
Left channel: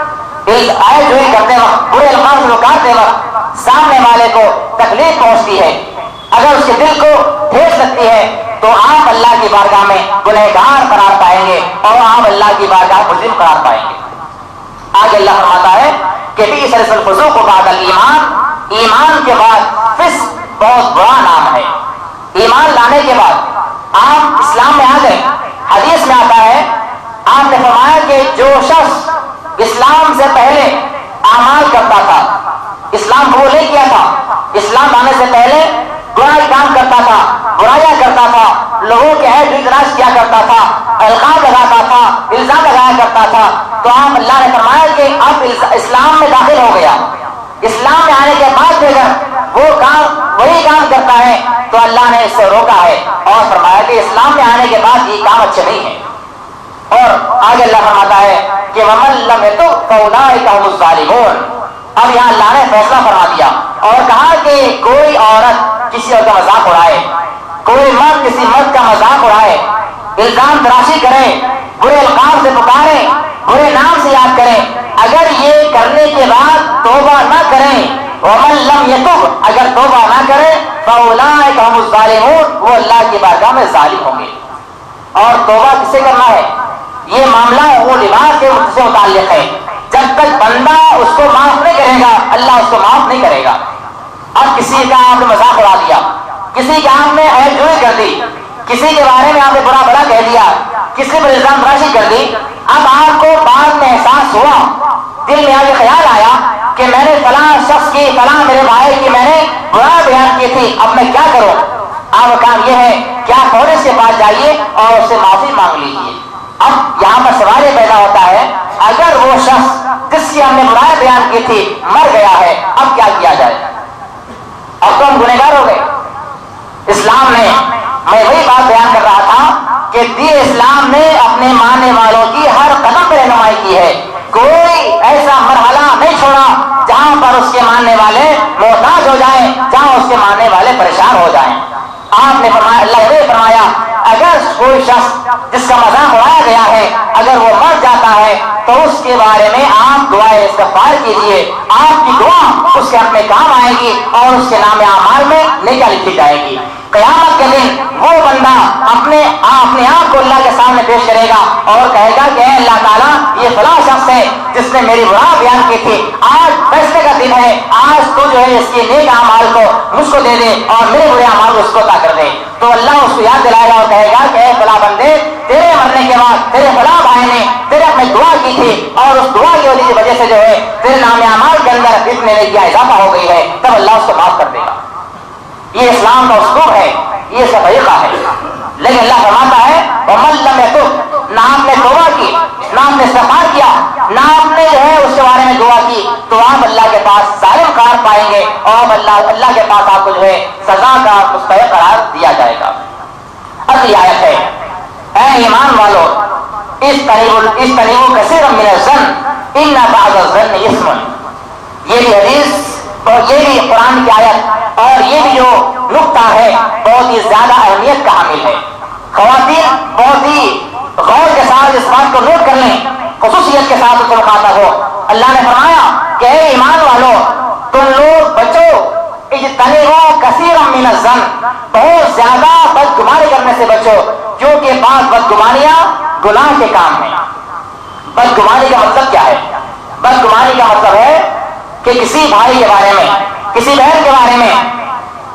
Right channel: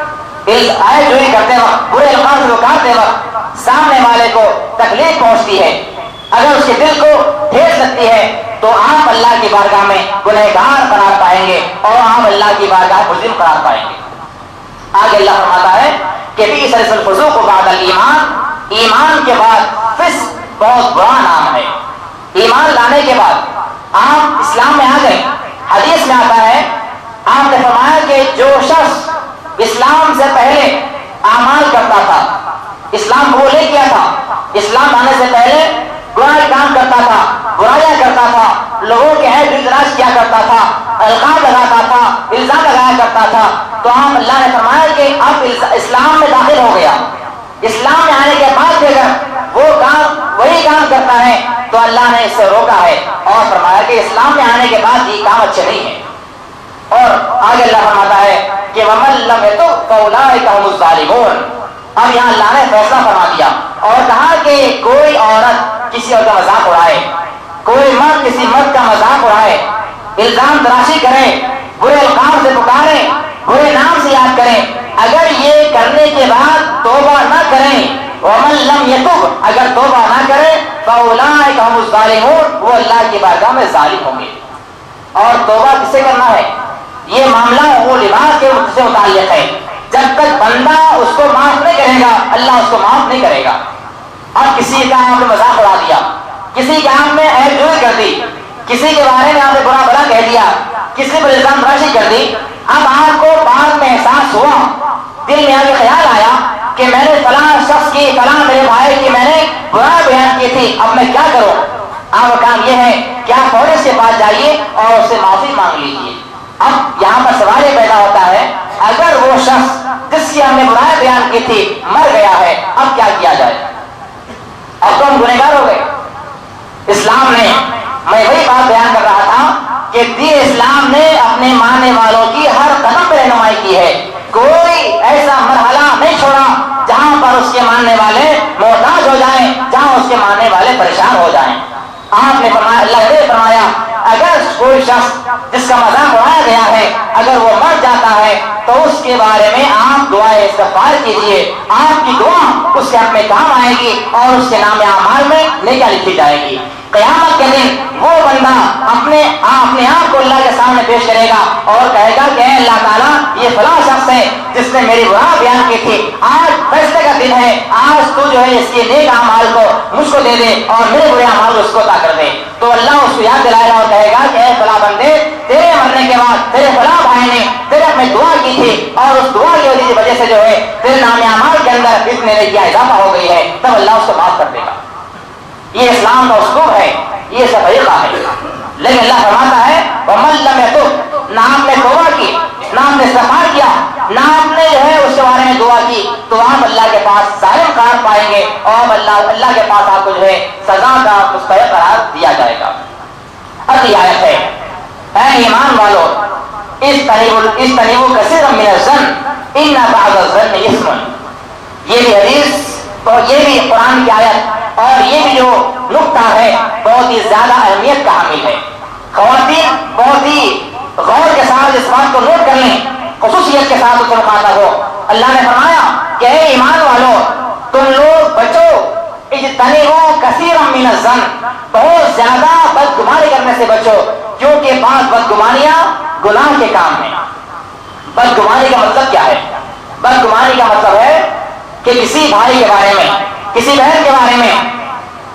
آئے جوئی کرتے وقت، برے الفاظ سے پکارتے وقت سامنے والے کو تکلیف پہنچتی ہے، اگر اس کے دل کو ٹھیس لگتی ہے تو آپ اللہ کی بارگاہ میں گنہگار قرار پائیں گے اور آپ اللہ کی بارگاہ مجرم قرار پائیں گے۔ آگے اللہ فرماتا ہے کہ بئس الفسوق بعد الایمان، ایمان کے بعد فسق بہت برا نام ہے۔ ایمان لانے کے بعد آپ اسلام میں آ گئے، حدیث میں آتا ہے آپ نے فرمایا کہ جو شخص اسلام سے پہلے اعمال کرتا تھا، اسلام قبول نہیں کیا تھا، اسلام آنے سے پہلے برا کام کرتا تھا، برائیاں کرتا تھا، لوگوں کے عیب تلاش کیا کرتا تھا، القاب لگاتا تھا، الزام لگایا کرتا تھا، تو آپ اللہ نے فرمایا کہ اب اسلام میں داخل ہو گیا، اسلام میں آنے کے بعد بھی اگر وہ کام وہی کام کرتا ہے تو اللہ نے اس سے روکا ہے اور فرمایا کہ اسلام میں آنے کے بعد یہ کام اچھے نہیں ہیں۔ اور آگے اللہ فرماتا ہے کہ وَمَن لَّمْ يَتُبْ فَأُولَٰئِكَ هُمُ الظَّالِمُونَ۔ اب یہاں اللہ نے فیصلہ فرما دیا اور کہا کہ کوئی عورت کسی اور کا مذاق اڑائے، کوئی مرد کسی مرد کا مذاق اڑائے، الزام تراشی کرے، برے القاب سے پکارے، برے نام سے یاد کریں، اگر یہ کرنے کے بعد توبہ نہ کریں، وَمَن لَّمْ يَتُبْ، اگر توبہ نہ کرے فَأُولَٰئِكَ هُمُ الظَّالِمُونَ، وہ اللہ کی بارگاہ میں ظالم ہوں گے۔ اور توبہ کسے کرنا ہے؟ یہ معاملہ وہ لباس کے سے متعلق ہے، جب تک بندہ اس کو معاف نہیں کرے گا اللہ اس کو معاف نہیں کرے گا۔ اب کسی کا آپ نے مذاق اڑا دیا، کسی کے آپ نے عیب جوئی کر دی، کسی کے بارے میں آپ نے برا بھلا کہہ دیا، کسی پر الزام تراشی کر دی، اب آپ کو بعد میں احساس ہوا، دل میں آگے خیال آیا کہ میں نے فلاں شخص کی، فلاں میرے بھائی کی میں نے برا بیان کی تھی، اب میں کیا کروں؟ آپ کا کام یہ ہے کہ آپ فوراً اس کے پاس جائیے اور اس سے معافی مانگ لیجیے۔ اب یہاں پر سوال یہ پیدا ہوتا ہے اگر وہ شخص جس کی ہم نے برائی بیان کی تھی مر گیا ہے اب کیا کیا جائے؟ اب تو ہم گنہگار ہو گئے. اسلام نے، میں وہی بات بیان کر رہا تھا کہ دین اسلام نے اپنے ماننے والوں کی ہر قدم پہ رہنمائی کی ہے. کوئی ایسا مرحلہ نہیں چھوڑا جہاں پر اس کے ماننے والے محتاج ہو جائیں، جہاں اس کے ماننے والے پریشان ہو جائیں. آپ نے فرمایا، اللہ نے فرمایا اگر کوئی شخص جس کا مذاق اڑایا گیا ہے اگر وہ مر جاتا ہے تو اس کے بارے میں آپ دعائے استغفار کیجیے. آپ کی دعا اس کے حق میں کام آئے گی اور اس کے نام اعمال میں نیکیاں لکھی جائے گی. قیامت کے دن وہ بندہ اپنے آپ کو اللہ کے سامنے پیش کرے گا اور کہے گا کہ اے اللہ تعالیٰ یہ فلاں شخص ہے جس نے میری برا بیان کی تھی، آج فیصلے کا دن ہے، آج تو جو ہے اس کے نیک اعمال کو مجھ کو دے دے اور میرے برے اعمال کو اس کو عطا کر دے. تو اللہ اس کو یاد دلائے گا اور کہے گا کہ اے فلاں بندے، تیرے مرنے کے بعد تیرے فلاں بھائی نے تیرے میں دعا کی تھی اور اس دعا کی وجہ سے جو ہے تیرے نام اعمال کے اندر اتنے نیکیاں اضافہ ہو گئی ہے. تب اللہ اس کو معاف کر دے گا. یہ اسلام کا اسلوب ہے، یہ اس کا طریقہ ہے. لیکن اللہ فرماتا ہے وَمَن لَّمْ يَتُبْ، نہ آپ نے توبہ کی، نہ آپ نے استغفار کیا، نہ آپ نے جو ہے اس کے بارے میں دعا کی، تو آپ اللہ کے پاس ظالم قرار پائیں گے اور اللہ کے پاس آپ کو جو ہے سزا کا مستحق قرار دیا جائے گا. اگلی آیت ہے اے ایمان والو اجتنبوا کثیرا من الظن ان بعض الظن اثم. یہ بھی حدیث اور یہ بھی قرآن کی آیت اور یہ بھی جو نقطہ ہے بہت ہی زیادہ اہمیت کا حامل ہے. خواتین بہت ہی غور کے ساتھ اس بات کو نوٹ کر لیں، خصوصیت کے ساتھ اس سے مخاطب ہو. اللہ نے فرمایا کہ اے ایمان والو تم لوگ بچو اجتنبوا کثیرا من الظن، بہت زیادہ بدگمانی کرنے سے بچو، کیونکہ بعض بدگمانیاں گناہ کے کام ہیں. بدگمانی کا مطلب کیا ہے؟ بدگمانی کا مطلب ہے کہ کسی بھائی کے بارے میں، کسی بہن کے بارے میں،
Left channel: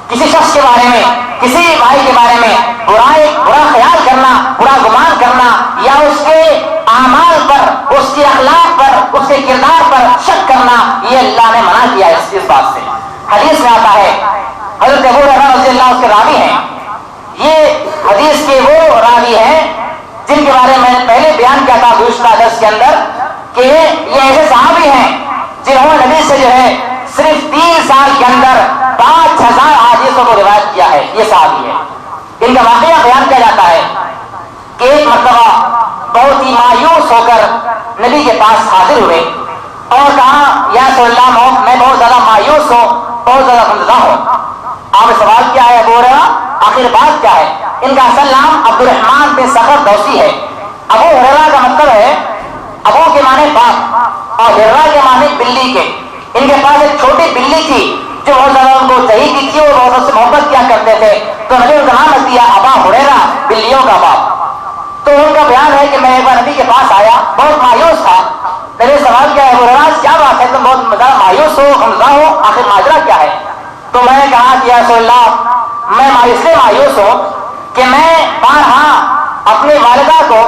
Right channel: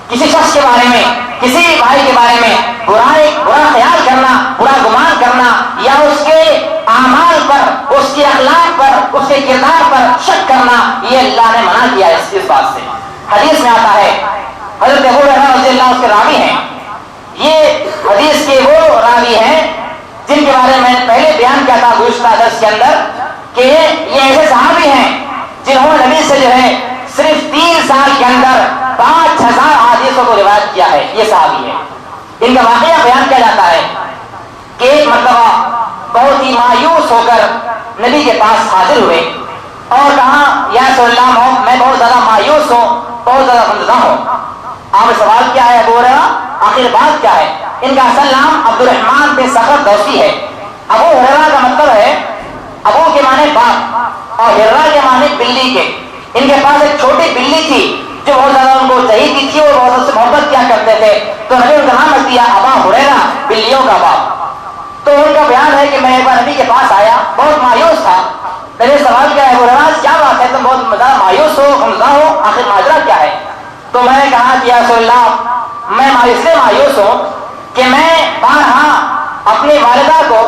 کسی شخص کے بارے میں، کسی بھائی کے بارے میں برا خیال کرنا، برا گمان کرنا یا اس کے اعمال پر، اس کے اخلاق پر، اس کے کردار پر شک کرنا، یہ اللہ نے منع کیا ہے اس بات سے. حدیث میں آتا ہے، حضرت ابو ہریرہ رضی اللہ عنہ اس کے راوی ہیں. یہ حدیث کے وہ راوی ہیں جن کے بارے میں نے پہلے بیان کیا تھا گزشتہ درس کے اندر کہ یہ ایسے صحابی ہیں جنہوں نے نبی سے جو ہے صرف 3 سال کے اندر 5000 حدیثوں کو روایت کیا ہے. یہ صحابی ہے. ان کا واقعہ بیان کیا جاتا ہے کہ ایک مرتبہ بہت ہی مایوس ہو کر نبی کے پاس حاضر ہوئے اور کہا یا رسول اللہ میں بہت زیادہ مایوس ہوں، بہت زیادہ غمزدہ ہوں. آپ نے سوال کیا ہے ابو ہریرہ آخر بات کیا ہے؟ ان کا اصل نام عبد الرحمن بن صخر دوسی ہے. ابو ہریرہ کا مطلب ہے ابو کے معنی باپ اور ہریرہ کے معنی بلی کے. ان کے پاس ایک چھوٹی بلی تھی جو بہت زیادہ ان کو چاہیے تھی اور بہت سے محبت کیا کرتے تھے، تو نبی ان کا نام رکھ دیا ابا ہریرہ، بلیوں کا باپ. تو ان کا بیان ہے کہ میں ایک بار نبی کے پاس آیا، بہت مایوس تھا. میں نے سوال کیا ہے ابو ہریرہ کیا بات ہے، تم بہت زیادہ مایوس ہو، غمزدہ ہو، آخر ماجرا کیا ہے؟ تو میں نے کہا کہ یا رسول اللہ میں اس سے مایوس ہوں کہ میں بارہا اپنی والدہ کو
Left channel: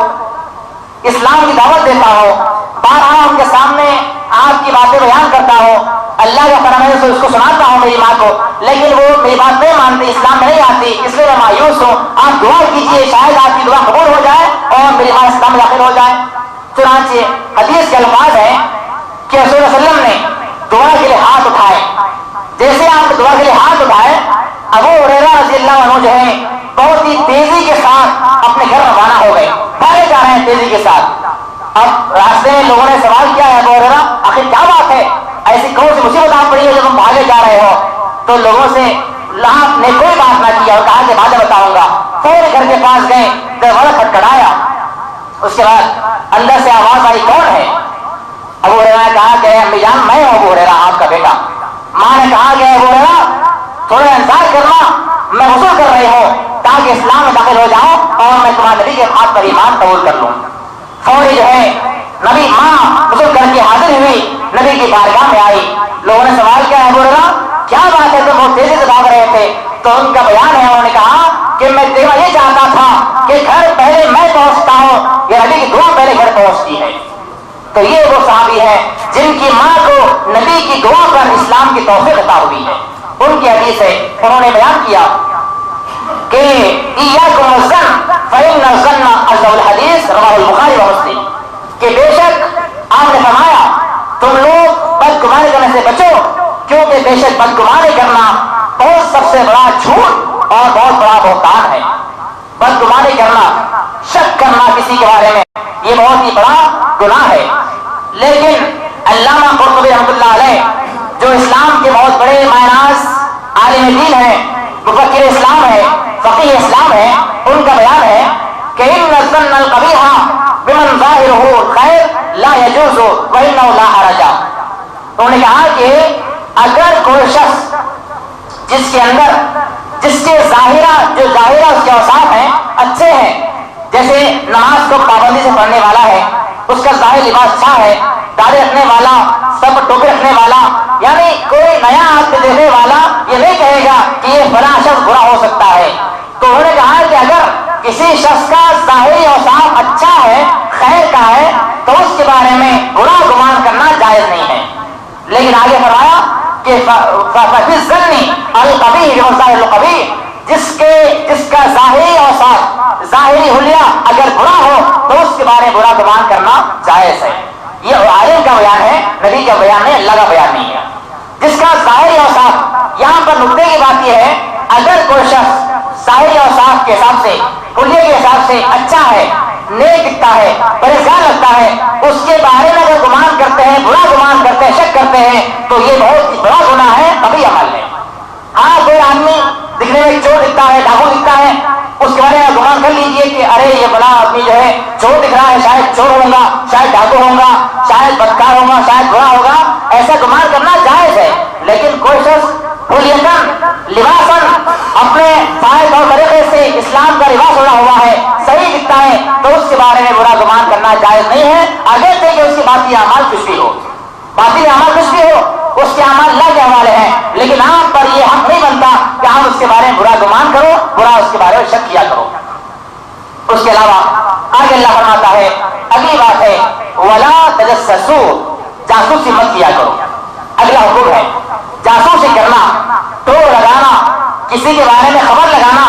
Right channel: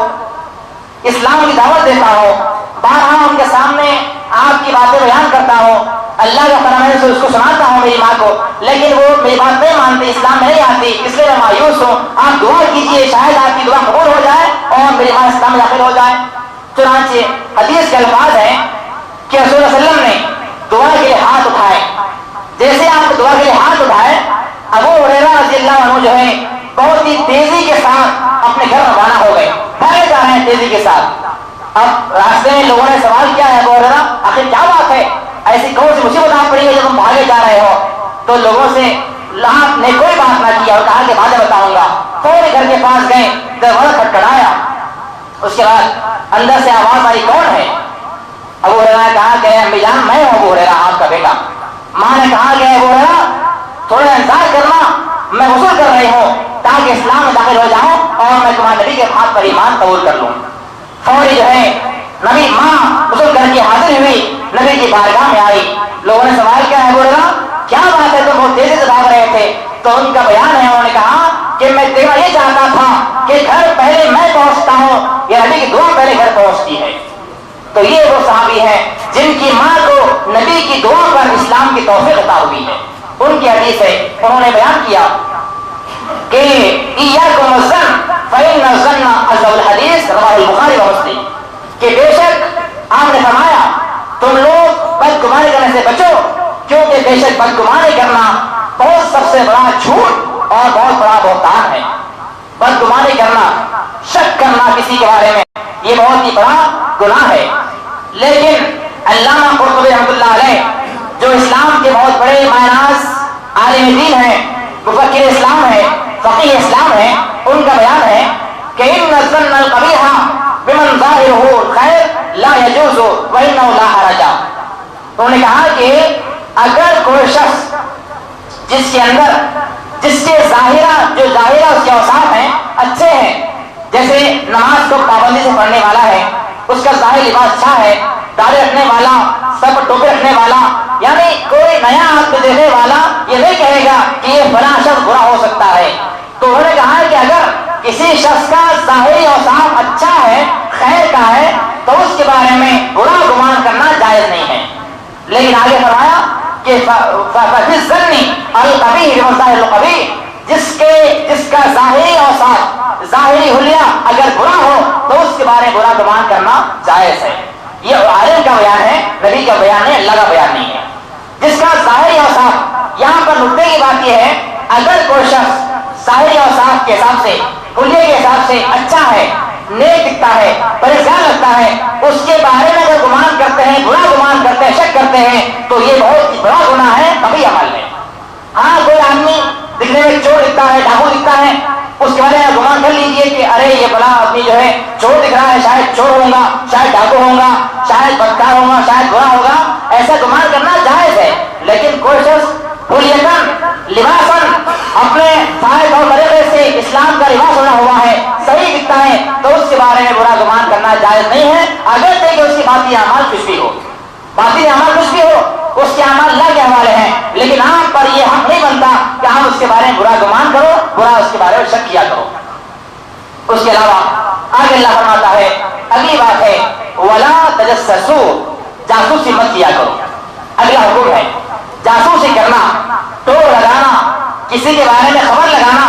اسلام کی دعوت دیتا ہوں، بارہا ان کے سامنے آپ کی باتیں بیان کرتا ہوں، اللہ کا فرمان ہے اس کو سناتا ہوں میری ماں کو، لیکن وہ میری بات نہیں مانتی، اسلام میں نہیں آتی، اس لیے میں مایوس ہوں. آپ دعا کیجیے شاید آپ کی دعا قبول ہو جائے اور میری ماں اسلام میں داخل ہو جائے. چنانچہ حدیث کے الفاظ ہیں کہ رسول اللہ علیہ وسلم نے دعا کے لیے ہاتھ اٹھائے. جیسے آپ دعا کے لیے ہاتھ اٹھائے ابو ہریرہ رضی اللہ عنہ جو ہے بہت ہی تیزی کے ساتھ اپنے گھر روانہ ہو گئے، بھاگے جا رہے ہیں تیزی کے ساتھ. اب راستے میں لوگوں نے سوال کیا ہے ابو ہریرہ آخر کیا بات ہے، ایسی کون سی مصیبت آپ پڑی ہے جب تم بھاگے جا رہے ہو؟ تو لوگوں سے آپ نے کوئی بات نہ کیا اور کہا کہ بعد میں بتاؤں گا. فوری گھر کے پاس گئے، دروازہ کھٹکھٹایا، اس کے بعد اندر سے آواز آئی کون ہے؟ ابو ہریرہ نے کہا کہ امی جان میں ہوں ابو ہریرہ آپ کا بیٹا. ماں نے کہا کہ ابو ہریرہ تھوڑا انتظار کرنا، میں غسل کر رہی ہوں تاکہ اسلام میں داخل ہو جاؤں اور میں تمہارے نبی کے ہاتھ پر ایمان قبول کر لوں. فوری جو ہے نبی ماں غسل کر کے حاضر ہوئی، نبی کی بارگاہ میں آئی. لوگوں نے سوال کیا ہے ابو ہریرہ کیا بات ہے تم بہت تیزی سے بھاگ رہے تھے؟ تو ان کا بیان ہے، انہوں نے کہا کہ میں دیکھنا یہ چاہتا تھا کہ گھر پہلے میں پہنچتا ہوں یا نبی کی دعا پہلے گھر پہنچتی ہے. تو یہ وہ صحابی ہیں جن کی ماں کو نبی کی دعا پر اسلام کی توفیق عطا ہوئی ہے. ان کی حدیث ہے، انہوں نے بیان کیا کہ ایاکم الظن فإن الظن اصدق الحدیث، رواه البخاری و مسلم، کہ بے شک آپ نے فرمایا تم لوگ بدگمانی کرنے سے بچو، کیونکہ بے شک بدگمانی کرنا بہت سب سے بڑا جھوٹ اور بہت بڑا بہتان ہے۔ بدگمانی کرنا، شک کرنا کسی کے بارے میں، یہ بہت ہی بڑا گناہ ہے۔ لیکن علامہ قرطبی رحمۃ اللہ علیہ جو اسلام کے بہت بڑے معناس عالم دین ہیں، مفکر اسلام ہے، فقیہ اسلام ہے، ان کا بیان ہے کہ ان الظن القبیح بمن ظاہرہ الخیر لا یجوز وانہ لا حرج۔ انہوں نے کہا کہ اگر کوئی شخص جس کے ظاہرہ اس کے اوصاف ہیں اچھے ہیں، جیسے نماز کو پابندی سے پڑھنے والا ہے، اس کا ظاہر لباس اچھا ہے، داڑھی رکھنے والا، سر پر ٹوپی رکھنے والا، یعنی کوئی نیا آدمی دیکھنے والا یہ نہیں کہے گا کہ یہ فلاں شخص برا ہو سکتا ہے۔ تو انہوں نے کہا کہ اگر کسی شخص کا ظاہری اوصاف اچھا ہے، خیر کا ہے، تو اس کے بارے میں برا گمان کرنا جائز نہیں ہے۔ لیکن آگے فرمایا کہ جس کا ظاہری اوصاف، ظاہری حلیہ اگر برا ہو تو اس کے بارے میں برا گمان کرنا جائز ہے۔ یہ عالم کا بیان ہے، نبی کا بیان ہے، اللہ کا بیان نہیں ہے۔ جس کا ظاہری اوصاف، یہاں پر نقطے کی بات یہ ہے اگر کوئی شخص ظاہری اوصاف کے حساب سے، حلیے کے حساب سے اچھا ہے، نیک دکھتا ہے، پریشان لگتا ہے، اس کے بارے میں اگر گمان کرتے ہیں، برا گمان کرتے ہیں، شک کرتے ہیں تو یہ بہت ہی بڑا گناہ ہے، کبھی عمل ہے۔ ہاں کوئی آدمی دکھنے میں چور دکھتا ہے، ڈاکو دکھتا ہے، اس کے بارے میں گمان کر لیجئے کہ ارے یہ بڑا آدمی جو ہے چور دکھ رہا ہے، شاید چور ہوگا، شاید ڈاکو ہوگا، شاید بدکار ہوگا، شاید برا ہوگا، ایسا گمان کرنا جائز ہے۔ لیکن کوئی شخص حلیتاً لباساً اپنے فائد اور طریقے سے اسلام کا لباس ہونا ہوا ہے، صحیح دکھتا ہے، تو اس کے بارے میں برا گمان کرنا جائز نہیں ہے، اگرچہ کہ اس کی باطنی اعمال کچھ بھی ہو، باطنی اعمال کچھ بھی ہو، اس کے اعمال اللہ کے حوالے ہیں، لیکن آپ پر یہ حق نہیں بنتا کہ آپ اس کے بارے میں برا گمان کرو، برا اس کے بارے میں شک کیا کرو۔ اس کے علاوہ آگے اللہ فرماتا ہے، اگلی بات ہے وَلَا تَجَسَّسُوا، جاسوسی مت کیا کرو۔ اگلا حکم ہے جاسوسی کرنا، ٹور لگانا، کسی کے بارے میں خبر لگانا،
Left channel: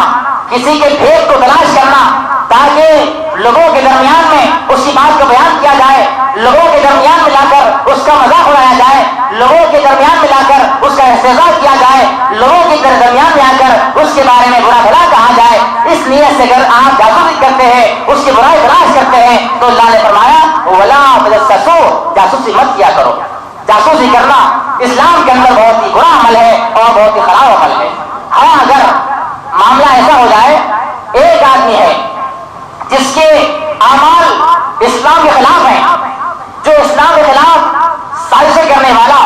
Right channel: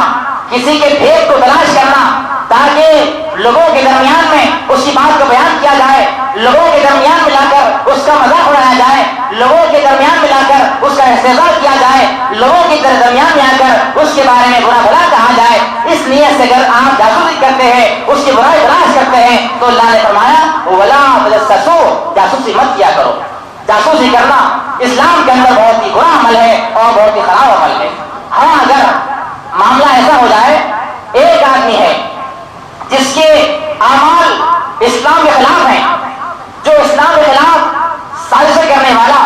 کسی کے بھید کو تلاش کرنا تاکہ لوگوں کے درمیان میں اس کی بات کو بیان کیا جائے، لوگوں کے درمیان ملا کر اس کا مذاق اڑایا جائے، لوگوں کے درمیان ملا کر اس کا استہزاء کیا جائے، لوگوں کے درمیان میں آ کر اس کے بارے میں برا بھلا کہا جائے، اس نیت سے اگر آپ جاسوسی کرتے ہیں، اس کی برائی تلاش کرتے ہیں تو اللہ نے فرمایا وَلَا تَجَسَّسُوا، جاسوسی مت کیا کرو۔ جاسوسی کرنا اسلام کے اندر بہت ہی برا عمل ہے اور بہت ہی خراب عمل ہے۔ ہاں اگر معاملہ ایسا ہو جائے، ایک آدمی ہے جس کے اعمال اسلام کے خلاف ہیں، جو اسلام کے خلاف سازشیں کرنے والا،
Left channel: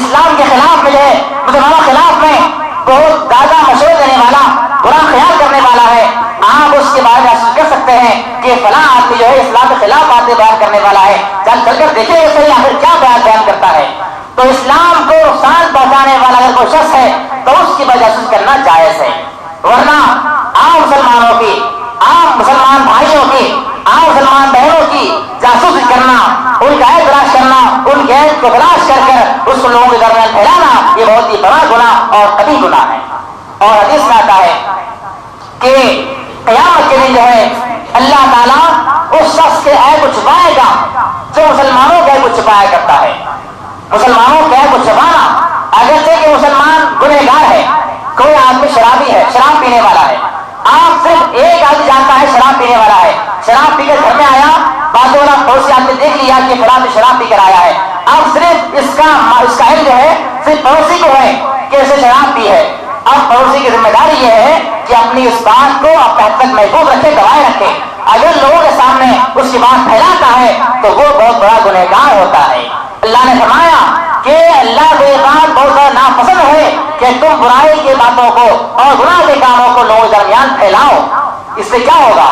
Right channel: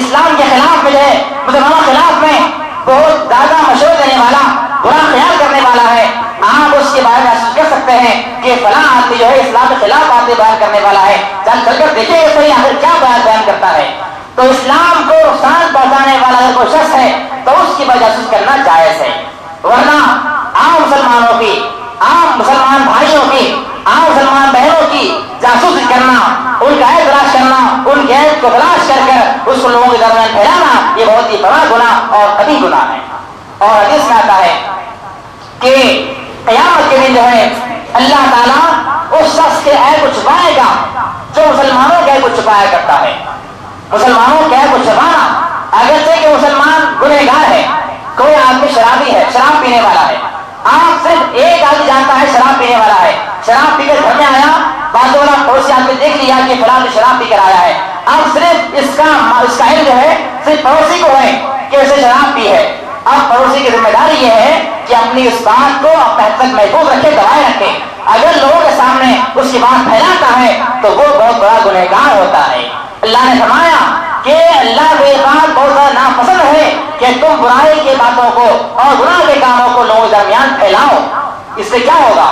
اسلام کے خلاف میں جو ہے مسلمانوں کے خلاف میں بہت زیادہ مشورے دینے والا، برا خیال کرنے والا ہے، آپ اس کے بارے میں محسوس کر سکتے ہیں کہ فلاں آدمی جو ہے اسلام کے خلاف باتیں بیان کرنے والا ہے، چل کر دیکھیں گے صحیح آخر کیا بیان کرتا ہے۔ تو اسلام کو نقصان پہنچانے والا اگر کوئی شخص ہے تو اس کی جاسوسی کرنا جائز ہے، ورنہ عام مسلمانوں کی، عام مسلمان بھائیوں کی، عام مسلمان بہنوں کی جاسوسی کرنا، ان کا عیب تلاش کرنا، ان کے عیب کو تلاش کر کر اس کو لوگوں کے درمیان پھیلانا، یہ بہت ہی بڑا گناہ اور کبھی گناہ ہے۔ اور حدیث میں آتا ہے کہ قیامت کے دن جو ہے اللہ تعالیٰ اس شخص کے عیب کو چھپائے گا جو مسلمانوں کے عیب کو چھپایا کرتا ہے۔ مسلمانوں کے عیب کو چھپانا، اگرچہ کہ مسلمان گنہگار ہے، کوئی آدمی شرابی ہے، شراب پینے والا ہے، آپ صرف ایک آدمی جانتا ہے شراب پینے والا ہے، شراب پی کر گھر میں آیا، بازو والا پڑوسی آدمی دیکھ لیا کہ فلاں شراب پی کر آیا ہے، اب صرف اس کا علم جو ہے صرف پڑوسی کو ہے کہ اسے شراب پی ہے۔ اب پڑوسی کی ذمہ داری یہ ہے کہ اپنی اس بات کو اپنے حد تک محفوظ رکھے، دبائے رکھے، اگر لوگوں کے سامنے اس کی بات پھیلاتا ہے تو وہ بہت بڑا گنہگار ہوتا ہے۔ اللہ نے فرمایا کہ اللہ کو یہ بات بہت زیادہ ناپسند ہے کہ تم برائی کی باتوں کو اور گناہ کے کاموں کو لوگوں کے درمیان پھیلاؤ۔ اس سے کیا ہوگا؟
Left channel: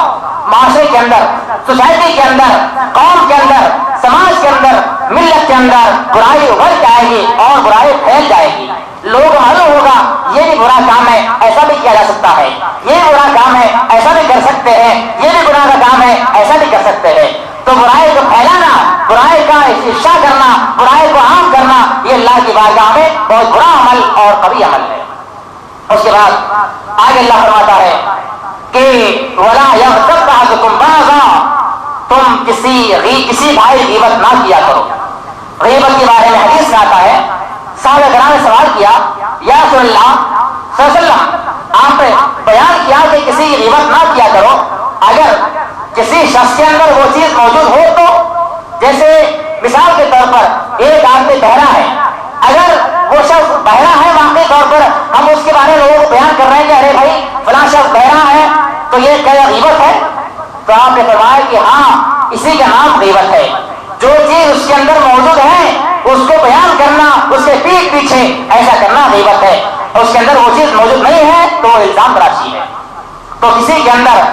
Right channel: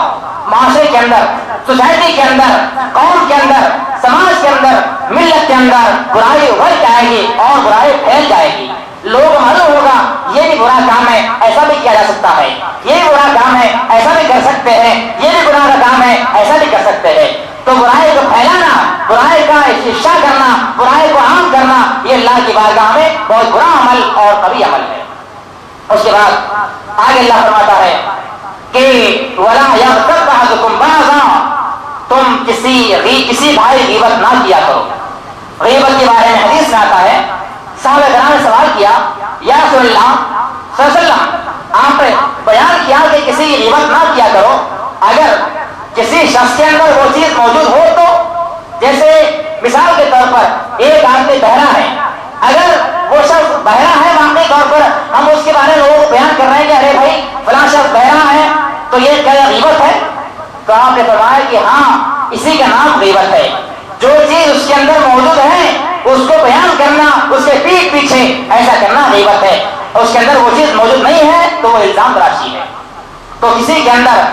معاشرے کے اندر، سوسائٹی کے اندر، قوم کے اندر، سماج کے اندر، ملت کے اندر برائی ابھر کے آئے گی اور برائی پھیل جائے گی۔ لوگوں کو معلوم ہوگا یہ بھی برا کام ہے، ایسا بھی کیا جا سکتا ہے، یہ بھی برا کام ہے، ایسا بھی کر سکتے ہیں، یہ بھی گناہ کا کام ہے، ایسا بھی کر سکتے ہیں۔ تو برائی کو پھیلانا، برائی کا افشا کرنا، برائی کو عام کرنا، یہ اللہ کی بارگاہ میں بہت برا عمل اور کبھی عمل ہے۔ اس کے بعد آگے اللہ فرماتا ہے کہ وَلَا يَغْتَبْ بَعْضُكُمْ بَعْضًا، تم کسی بھائی غیبت نہ کیا کرو۔ غیبت کے بارے میں حدیث میں آتا ہے، صحابہ کرام نے سوال کیا، یا رسول اللہ صلی اللہ علیہ وسلم آپ نے بیان کیا کہ کسی کی غیبت نہ کیا کرو، اگر کسی شخص کے اندر وہ چیز موجود ہو تو، جیسے مثال کے طور پر ایک آدمی بہرا ہے، اگر وہ شخص بہرا ہے واقعی طور پر ہم اس کے بارے میں لوگ بیان کر رہے ہیں کہ ارے بھائی فلاں شخص بہرا ہے تو یہ کیا غیبت ہے؟ تو آپ نے فرمایا کہ ہاں اسی کا نام غیبت ہے، جو چیز اس کے اندر موجود ہے اس کو بیان کرنا، اس کے پیٹ پیچھے ایسا کرنا غیبت ہے، اور اس کے اندر وہ چیز موجود نہیں ہے تو وہ الزام تراشی ہے۔ تو کسی کے اندر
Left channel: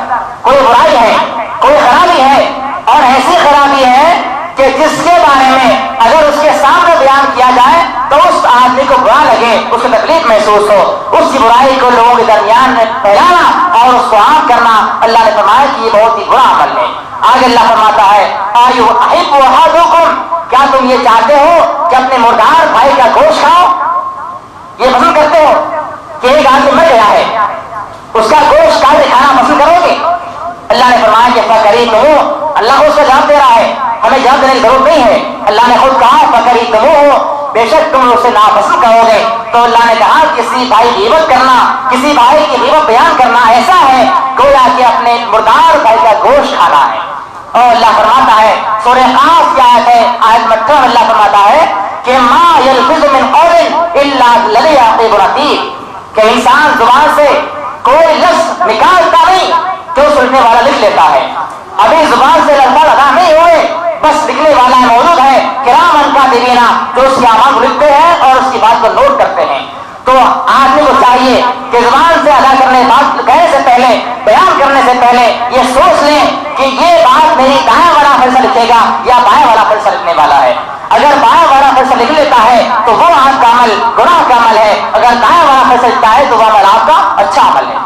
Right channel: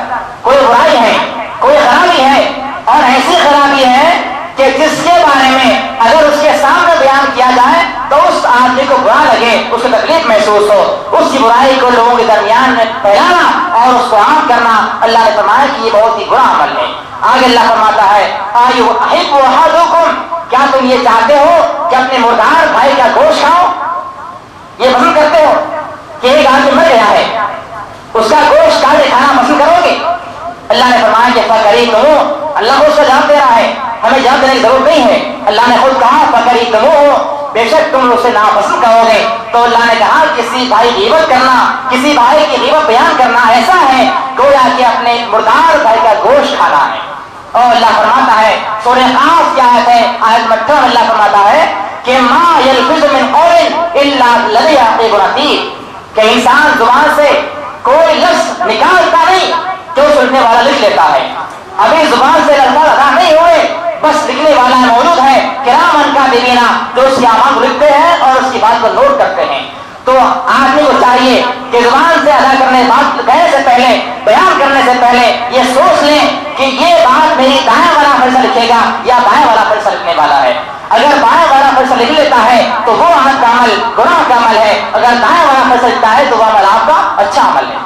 کوئی برائی ہے، کوئی خرابی ہے، اور ایسی خرابی ہے کہ جس کے بارے میں اگر اس کے سامنے بیان کیا جائے تو اس آدمی کو برا لگے، اس کو تکلیف محسوس ہو، اس کی برائی کو لوگوں کے درمیان میں پھیلانا اور اس کو عام کرنا، اللہ نے فرمایا کہ یہ بہت ہی برا عمل ہے۔ آگے اللہ فرماتا ہے آیو احب احدکم، کیا تم یہ چاہتے ہو کہ اپنے مردار بھائی کا گوشت کھاؤ؟ یہ پسند کرتے ہو کہ ایک آدمی مر گیا ہے اس کا گوشت کاٹ کے کھانا پسند کرو گے؟ اللہ نے فرمایا کہ فَقَرِيتُمُوهُ، اللہ کو اس کا جواب دے رہا ہے، ہمیں جواب دینے کی ضرورت نہیں ہے، اللہ نے خود کہا فَقَرِيتُمُوهُ، بے شک تم اسے ناپسند کرو گے۔ تو اللہ نے کہا کسی بھائی کی غیبت کرنا، کسی بھائی کی غیبت بیان کرنا ایسا ہے گویا کہ اپنے مردار بھائی کا گوشت کھانا ہے۔ اور اللہ فرماتا ہے سورہ قاف کی آیت ہے، آیت 18 اللہ فرماتا ہے کہ ما یلفظ من قول الا لدیہ رقیب عتید، کہ انسان زبان سے کوئی لفظ نکالتا نہیں جو سننے والا لکھ لیتا ہے۔ ابھی زبان سے الفاظ ادا نہیں ہوئے، بس لکھنے والا موجود ہے، کرامن کاتبین، جو اس کے اعمال کو لکھتے ہیں اور اس کی بات کو نوٹ کرتے ہیں۔ تو آدمی کو چاہیے کہ زبان سے ادا کرنے بات کہنے سے پہلے، بیان کرنے سے پہلے یہ سوچ لیں کہ یہ بات میری دائیں والا فیصلہ لکھے گا یا بائیں والا فیصلہ لکھنے والا ہے۔ اگر بائیں والا فیصلہ لکھ لیتا ہے تو وہ آپ کا عمل گناہ کا عمل ہے، اگر دائیں والا فیصلہ لکھتا ہے تو وہ عمل آپ کا اچھا عمل ہے۔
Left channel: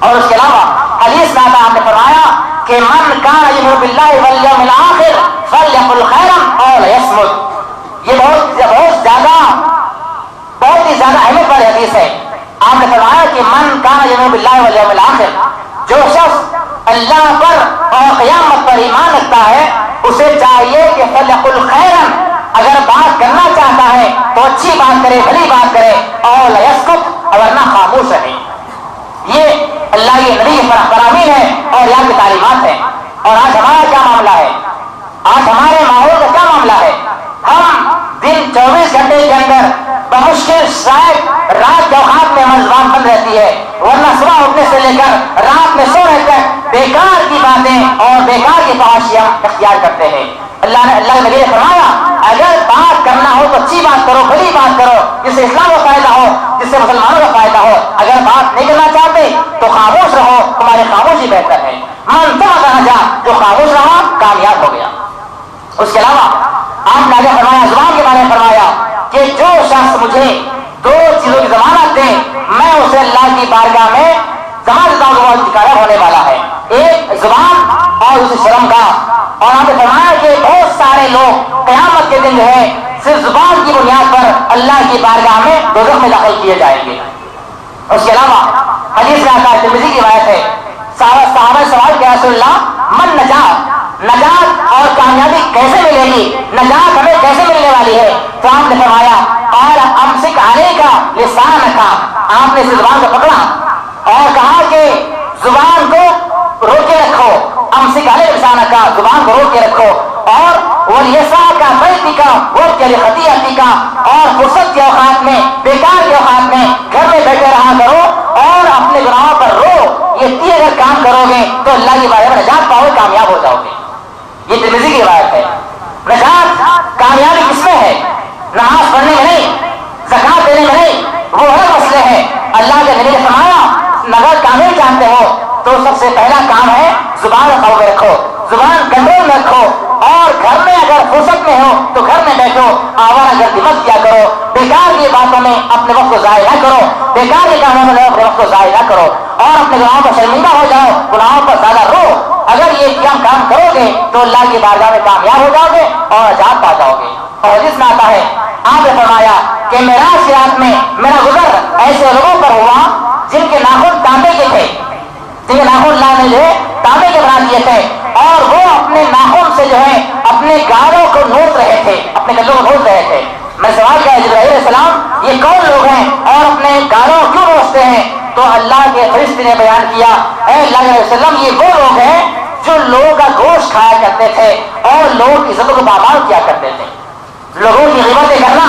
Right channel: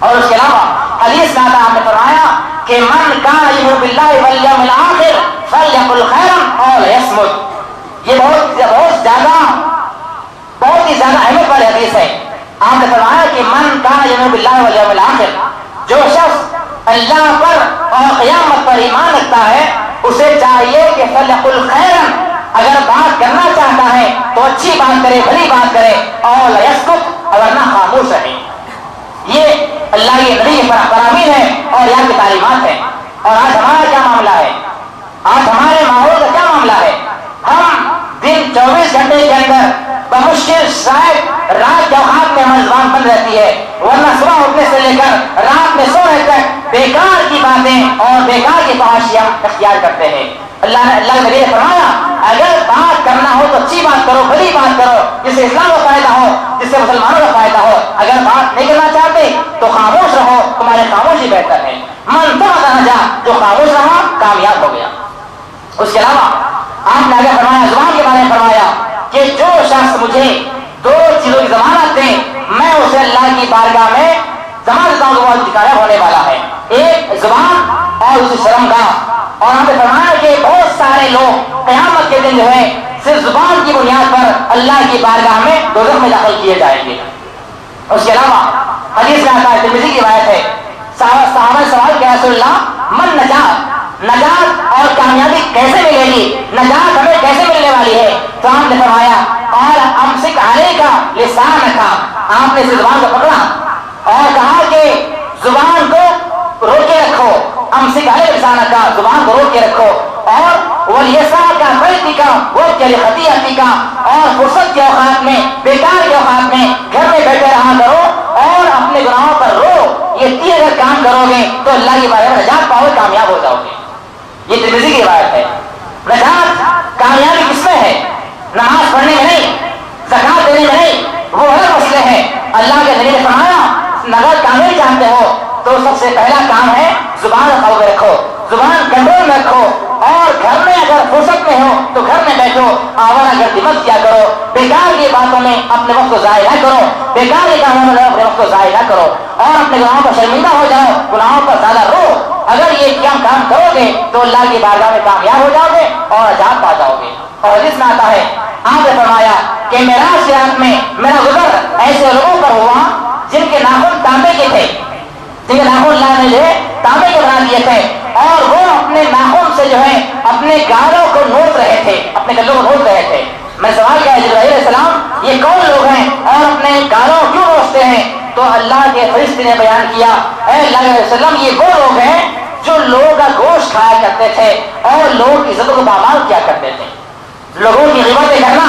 اور اس کے علاوہ حدیث میں آتا آپ نے فرمایا کہ من کان یؤمن باللہ والیوم الآخر فلیقل خیرا او لیصمت، یہ بہت ہی زیادہ اہمیت والی حدیث ہے۔ آپ نے فرمایا کہ من کان یؤمن باللہ والیوم الآخر، جو شخص اللہ پر اور قیامت پر ایمان رکھتا ہے اسے چاہیے کہ فلیقل خیرا، اگر بات کرنا چاہتا ہے تو اچھی بات کرے، بھلی بات کرے، اور لیصمت، ورنہ خاموش رہے۔ یہ اللہ کے نبی کے فرامین ہے اور یہاں کی تعلیمات ہیں۔ اور آج ہمارا کیا معاملہ ہے؟ آج ہمارے ماحول کا کیا معاملہ ہے؟ ہم دن 24 گھنٹے کے اندر بمشکل شاید رات کے اوقات میں ہماری زبان بند رہتی ہے، ورنہ صبح اٹھنے سے لے کر رات میں سونے تک بیکار کی باتیں اور بیکار کی فحاشی ہم اختیار کرتے ہیں۔ اللہ کے نبی نے فرمایا اگر بات کرنا ہو تو اچھی بات کرو، بڑی بات کرو جس سے اسلام کا فائدہ ہو، جس سے مسلمانوں کا فائدہ ہو۔ اگر بات نہیں کرنا چاہتے تو خاموش رہو، تمہاری خاموشی بہتر ہے۔ من سمعت نجا، جو خاموش رہا کامیاب ہو گیا۔ اس کے علاوہ آپ نے آگے فرمایا، زبان کے بارے میں فرمایا کہ جو شخص مجھے 2 چیزوں کی ضمانت دے میں اسے اللہ کی بارگاہ میں ضمانت دیتا ہوں کہ وہ کامیاب ہونے والا ہے، ایک زبان اور اسے شرم کا۔ اور آپ نے فرمایا کہ بہت سارے لوگ قیامت کے دن جو ہے صرف زبان کی بنیاد پر اللہ کی بارگاہ میں دوزخ میں داخل کیے جائیں گے۔ اس کے علاوہ حدیث میں آتا ہے، ترمذی کی روایت ہے، صحابہ نے سوال کیا رسول اللہ من نجات اور کامیابی کیسے ملے گی، نجات ہمیں کیسے ملنے والی ہے؟ تو آپ نے فرمایا اور امسک علیک لسانک، آپ نے زبان کو پکڑا اور کہا کہ زبان کو روکے رکھو، امسک علیک لسانک، زبان کو روک کے رکھو، اور ولیسعک بیتک وابتغ خطیئتک، اور فرصت کے اوقات میں، بیکار کے اوقات میں گھر میں بیٹھے رہا کرو اور اپنے گناہوں پر رو۔ یہ 3 اگر کام کرو گے تو اللہ کی بارگاہ میں نجات پاؤ گے، کامیاب ہو جاؤ گے۔ یہ ترمذی کی روایت ہے۔ نجات کامیابی کس میں ہے؟ نماز پڑھنے میں نہیں، زکات دینے میں نہیں، وہ الگ مسئلے ہیں۔ اللہ کے نبی نے فرمایا اگر کامیابی چاہتے ہو تو سب سے پہلا کام ہے زبان قابو رکھو، زبان کنٹرول میں رکھو، اور گھر میں اگر فرصت میں ہو تو گھر میں بیٹھو، آوارہ گردی مت کیا کرو، بیکار کی باتوں میں اپنے وقت کو ضائع نہ کرو، بیکار کے کاموں میں اپنے وقت کو ضائع نہ کرو، اور اپنے گناہوں پر شرمندہ ہو جاؤ، گناہوں پر زیادہ رو۔ اگر یہ کام کرو گے تو اللہ کی بارگاہ میں کامیاب ہو جاؤ گے اور نجات پا جاؤ گے۔ اور حدیث میں آتا ہے، آپ نے فرمایا کہ معراج کی رات میں میرا گزر ایسے لوگوں پر ہوا جن کے ناخن تانبے کے تھے، جن کے ناخن اللہ نے جو ہے تانبے کے بنا دیے تھے، اور وہ اپنے ناخن سے جو ہے اپنے گالوں کو نوچ رہے تھے، اپنے گلوں کو نوچ رہے تھے۔ میں سوال کیا جبرائیل علیہ السلام یہ کون لوگ ہیں اور اپنے گالوں کیوں نوچتے ہیں؟ تو اللہ کے فرشتے نے بیان کیا، اے اللہ علیہ وسلم یہ وہ لوگ ہیں جو لوگوں کا گوشت کھایا کرتے تھے اور لوگوں کی عزتوں کو پامال کیا کرتے تھے۔ لوگوں کی غیبتیں کرنا،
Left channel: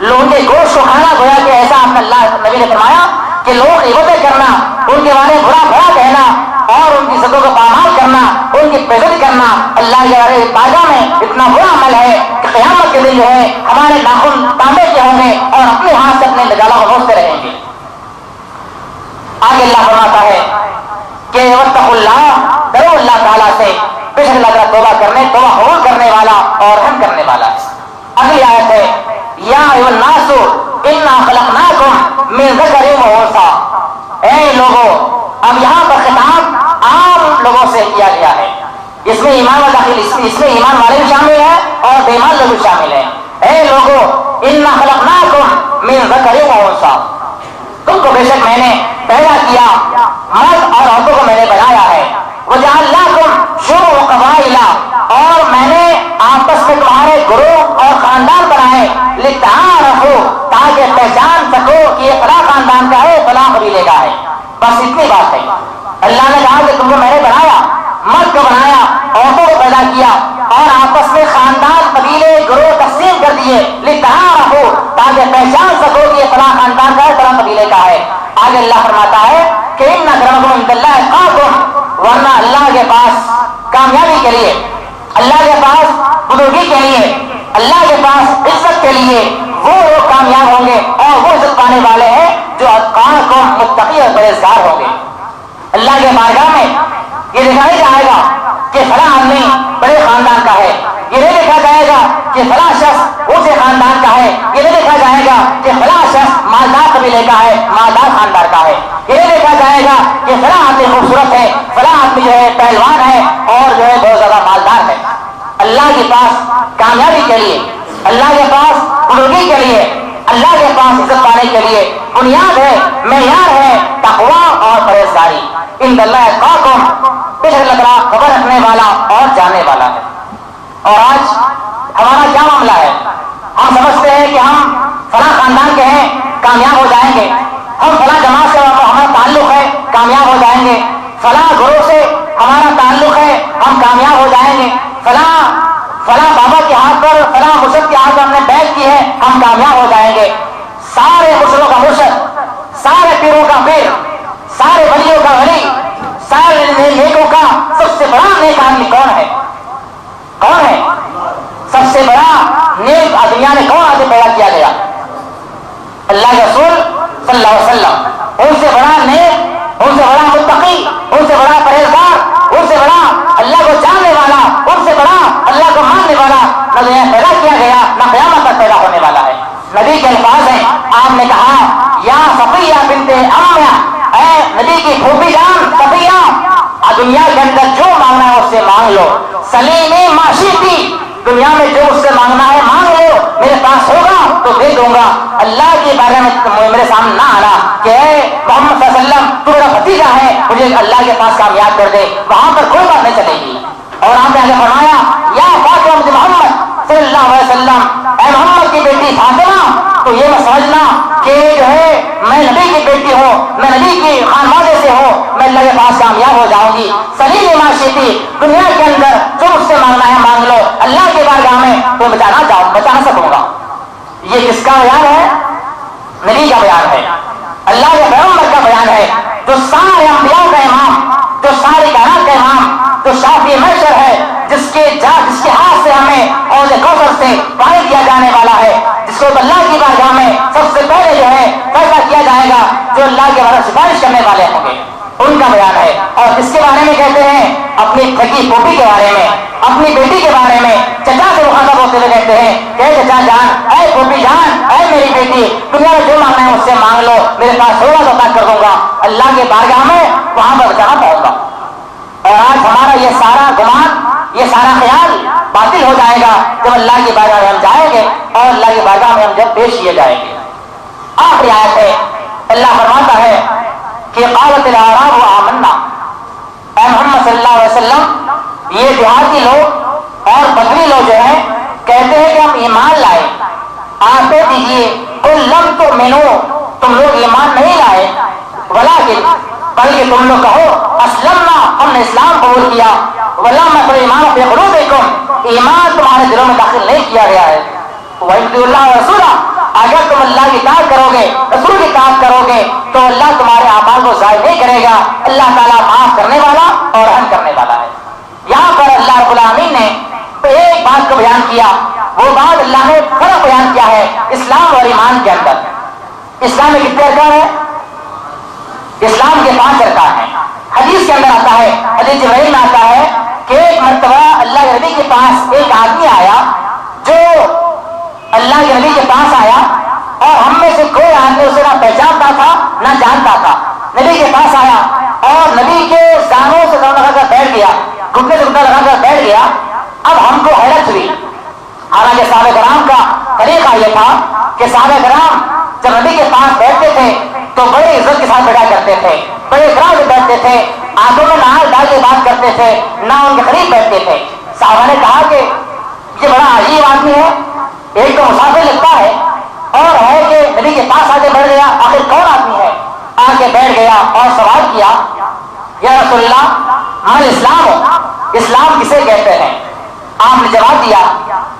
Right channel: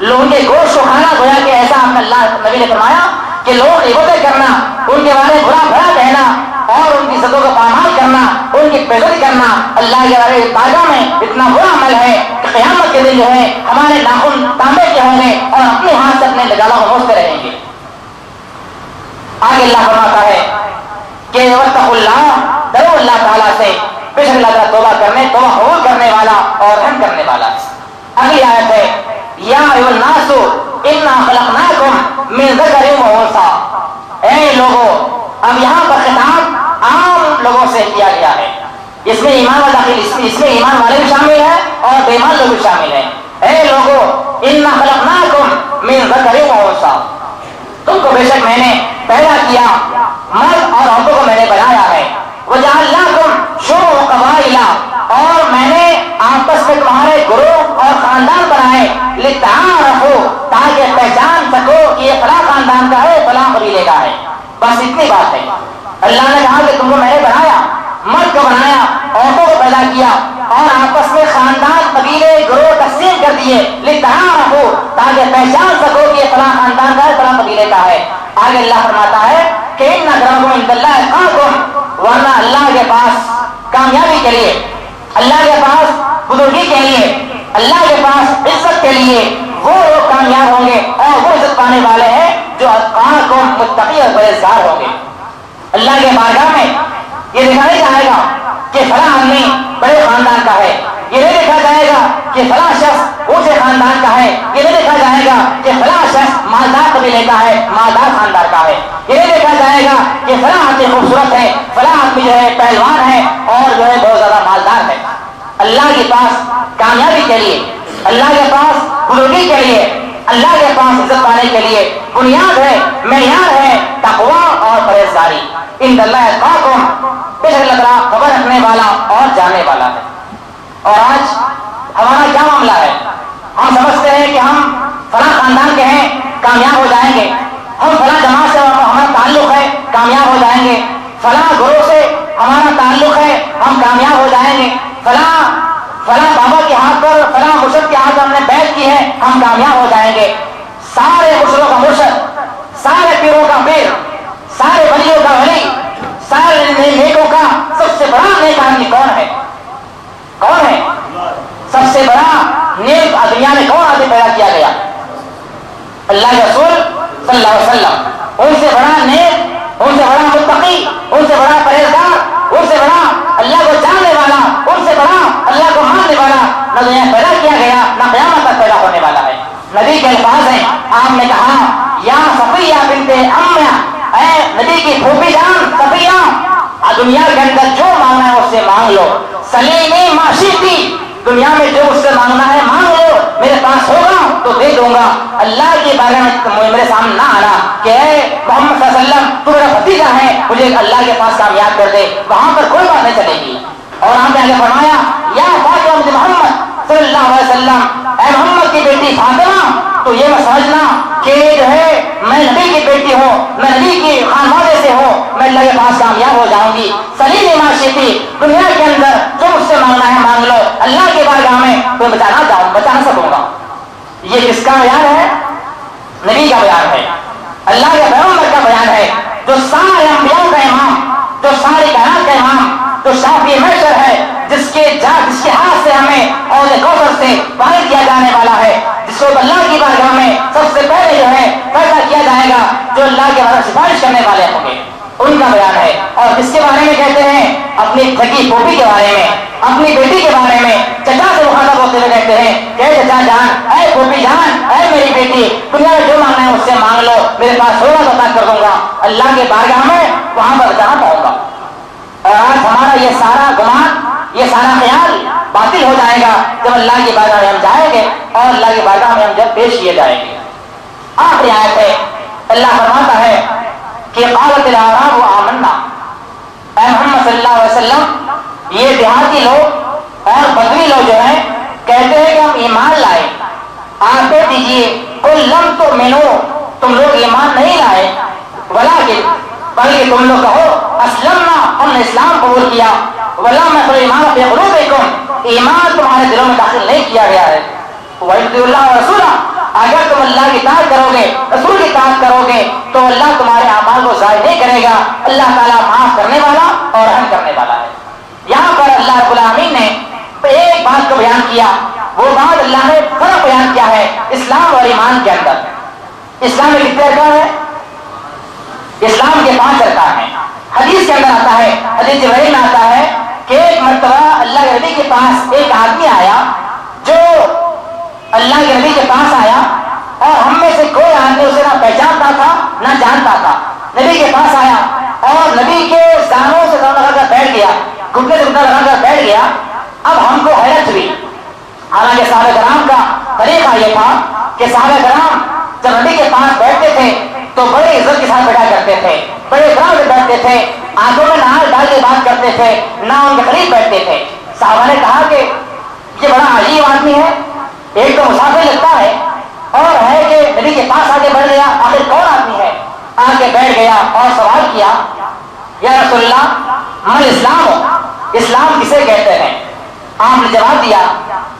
لوگوں کے گوشت کو کھانا، گویا کہ ایسا اللہ نبی نے فرمایا کہ لوگ غیبتیں کرنا، ان کے بارے میں برا بھلا کہنا اور ان کی عزتوں کو پامال کرنا، ان کی بےعزتی کرنا اللہ کے بارے بارگاہ میں اتنا برا عمل ہے کہ قیامت کے دن جو ہے ہمارے ناخن تانبے کے ہوں گے اور اپنے ہاتھ سے اپنے گالوں کو نوچتے رہیں گے۔ آگے اللہ فرماتا ہے کہ واتقوا اللہ، ڈرو اللہ تعالیٰ سے، بے شک اللہ تعالیٰ توبہ قبول کرنے والا اور رحم کرنے والا ہے۔ اگلی آیت ہے یا ایھا الناس انا خلقناکم من ذکر و انثی، اے لوگوں، اب یہاں پر خطاب عام لوگوں سے کیا گیا ہے، اس میں ایمان والا داخل، اس میں ایمان والے بھی شامل ہیں اور بے ایمان لوگ بھی شامل ہیں۔ اے لوگوں انا خلقناکم من ذکر و انثی، تم کو بے شک میں نے پیدا کیا، مرد اور عورتوں کو میں نے بنایا ہے۔ وجعلناکم شعوبا وقبائل، اور میں نے آپس میں تمہارے گروہ اور خاندان بنائے، لتعارفوا، تاکہ پہچان سکو کہ یہ فلاں خاندان کا ہے فلاں قبیلے کا ہے۔ بس اتنی بات ہے۔ اللہ نے کہا کہ تم کو میں نے بنایا، مرد کو بنایا، عورتوں کو پیدا کیا اور آپس میں خاندان قبیلے گروہ تقسیم کر دیے، لتعارفوا، تاکہ پہچان سکو کہ یہ فلاں خاندان کا ہے فلاں قبیلے کا ہے۔ آگے اللہ فرماتا ہے کہ ان اکرمکم عند اللہ اتقاکم، ورنہ اللہ کے پاس کامیابی کے لیے، اللہ کے پاس بزرگی کے لیے، اللہ کے پاس عزت کے لیے وہ لوگ کامیاب ہوں گے اور وہ عزت پانے والے ہیں جو اتقاکم، متقی اور پرہیزگار ہوں گے۔ اللہ کے بارگاہ میں یہ دیکھا نہیں جائے گا کہ فلاں آدمی بڑے خاندان کا ہے، یہ نہیں دیکھا جائے گا کہ فلاں شخص اونچے خاندان کا ہے، یہ نہیں دیکھا جائے گا کہ فلاں شخص مالدار قبیلے کا ہے، مالدار خاندان کا ہے، یہ نہیں دیکھا جائے گا کہ فلاں آدمی خوبصورت ہے، فلاں آدمی جو ہے پہلوان ہے اور جو ہے بہت زیادہ مالدار ہے۔ اللہ کے پاس کامیابی کے لیے، اللہ کے پاس بزرگی کے لیے، اللہ کے پاس عزت پانے کے لیے بنیاد ہے، معیار ہے تقویٰ اور پرہیزگاری۔ ان اللہ اتقاکم، بے شک اللہ تعالیٰ خبر رکھنے والا اور جاننے والا ہے۔ اور آج ہمارا کیا معاملہ ہے؟ ہم سمجھتے ہیں کہ ہم فلاں خاندان کے ہیں کامیاب ہو جائیں گے، ہم فلاں جماعت سے ہمارا تعلق ہے کامیاب ہو جائیں گے، فلاں گروہ سے ہمارا تعلق ہے ہم کامیاب ہو جائیں گے، فلاں بابا کے ہاتھ پر، فلاں مرشد کے ہاتھ پر ہم نے بیعت کی ہے ہم کامیاب ہو جائیں گے۔ سارے مرشدوں کا مرشد، سارے پیروں کا پیر، سارے ولیوں کا ولی، سارے نیکوں کا سب سے بڑا نیک آدمی کون ہے؟ کون ہے سب سے بڑا نیک؟ دنیا میں کون آدمی پیدا کیا گیا؟ اللہ کے رسول صلی اللہ علیہ وسلم۔ ان سے بڑا نیک، ان سے بڑا متقی، ان سے بڑا پرہیزگار، ان سے بڑا اللہ کو جاننے والا، ان سے بڑا اللہ کو ماننے والا نہ دنیا میں پیدا کیا گیا نہ قیامت تک پیدا ہونے والا ہے۔ نبی کے الفاظ ہیں، آپ نے کہا یا صفیہ بنت امیہ، اے نبی کی پھوپھی جان صفیہ، دنیا کے اندر جو مانگنا ہے اس سے مانگ لو، سلیمی معاشیتی، دنیا میں جو اس سے مانگنا ہے مانگ لو، میرے پاس ہوگا تو دے دوں گا۔ اللہ کے بارے میں میرے سامنے نہ آنا کہ اے محمد صلی اللہ علیہ وسلم تو میرا بھتیجا ہے، مجھے اللہ کے پاس کامیاب کر دے، وہاں پر کوئی بات نہیں چلے گی۔ اور آپ نے آگے فرمایا یا فاطمہ بنت محمد صلی اللہ علیہ وسلم، اے محمد کی بیٹی فاطمہ، تو یہ میں سمجھنا کہ جو ہے میں نبی کی بیٹی ہوں، میں نبی کی خانوادے سے ہوں، میں اللہ کے پاس کامیاب ہو جاؤں گی۔ سلیم معاشیتی، دنیا کے اندر جو مجھ سے مانگنا ہے مانگ لو، اللہ کے بارگاہ میں تو بچا نہ سکوں گا۔ یہ کس کا بیان ہے؟ نبی کا بیان ہے، اللہ کے پیغمبر کا بیان ہے، جو سارے انبیاء کا امام، جو ساری کائنات کا امام، جو شافی محشر ہے، جس کے ہاتھ سے ہمیں اور کوثر سے پانی دیا جانے والا ہے، جس کو اللہ کی بارگاہ میں سب سے پہلے جو ہے فیصلہ کیا جائے گا، جو اللہ کے بارے میں سفارش کرنے والے ہوں گے، ان کا بیان ہے۔ اور کس کے بارے میں کہتے ہیں؟ اپنی سگی پھوپھی کے بارے میں، اپنی بیٹی کے بارے میں، چچا سے مخاطب ہوتے ہوئے کہتے ہیں کہ اے چچا جان، اے پھوپھی جان، اے میری بیٹی، دنیا میں جو مانگنا ہے مجھ سے مانگ لو، میرے پاس ہوگا تو عطا کر دوں گا، اللہ کے بارگاہ میں وہاں پر بچانا پاؤں گا۔ اور آج ہمارا یہ سارا گمان، یہ سارا خیال باطل ہو جائے گا جب اللہ کی بارگاہ میں ہم جائیں گے اور اللہ کی بارگاہ میں ہم جب پیش کیے جائیں گے۔ آخری آیت ہے، اللہ فرماتا ہے کہ قالت الاعراب آمنا، اے محمد صلی اللہ علیہ وسلم دیہاتی لوگ اور بدوی لوگ جو ہیں کہتے ہیں کہ ہم ایمان لائے. آپ کہہ دیجیے قل لم تؤمنوا، تم لوگ ایمان نہیں لائے، ولکن بلکہ تم لوگ کہو اسلمنا، ہم نے اسلام قبول کیا، ولما يدخل الایمان فی قلوبکم، ایمان تمہارے دلوں میں داخل نہیں کیا گیا ہے. وَإِنْ اللہ ورسولہ، اگر تم اللہ کی اطاعت کرو گے، رسول کی اطاعت کرو گے تو اللہ تمہارے اعمال کو ضائع نہیں کرے گا. اللہ تعالیٰ معاف کرنے والا اور رحم کرنے والا ہے. یہاں پر اللہ رب العالمین نے ایک بات کو بیان کیا، وہ بات اللہ نے فرق بیان کیا ہے اسلام اور ایمان کے اندر. اسلام میں کتنے ارکان ہیں؟ اسلام کے 5 ارکان ہیں. حدیث کے اندر آتا ہے، حدیث جبرائیل میں آتا ہے کہ ایک مرتبہ اللہ کے نبی کے پاس ایک آدمی آیا، جو اللہ کے نبی کے پاس آیا اور ہم میں سے کوئی آدمی اسے نہ پہچانتا تھا نہ جانتا تھا. نبی کے پاس آیا اور نبی کے زانوں سے زانوں لگا کر بیٹھ گیا، گھٹنے سے گھٹنا لگا کر بیٹھ گیا. اب ہم کو حیرت ہوئی، حالانکہ صحابہ کرام کا طریقہ یہ تھا کہ صحابہ کرام جب نبی کے پاس بیٹھتے تھے تو بڑے عزت کے ساتھ بیٹھا کرتے تھے، بڑے اکرام سے بیٹھتے تھے، آنکھوں میں نہار ڈال کے بات کرتے تھے، نہ ان کے قریب بیٹھتے تھے. صحابہ نے کہا کہ یہ بڑا عجیب آدمی ہے، ایک تو مسافر لگتا ہے اور ہے کہ نبی کے پاس آگے بڑھ گیا، آخر کون آدمی ہے؟ آگے بیٹھ گیا اور سوال کیا، یا رسول اللہ من اسلام ہو، اسلام کسے کہتے ہیں؟ آپ نے جواب دیا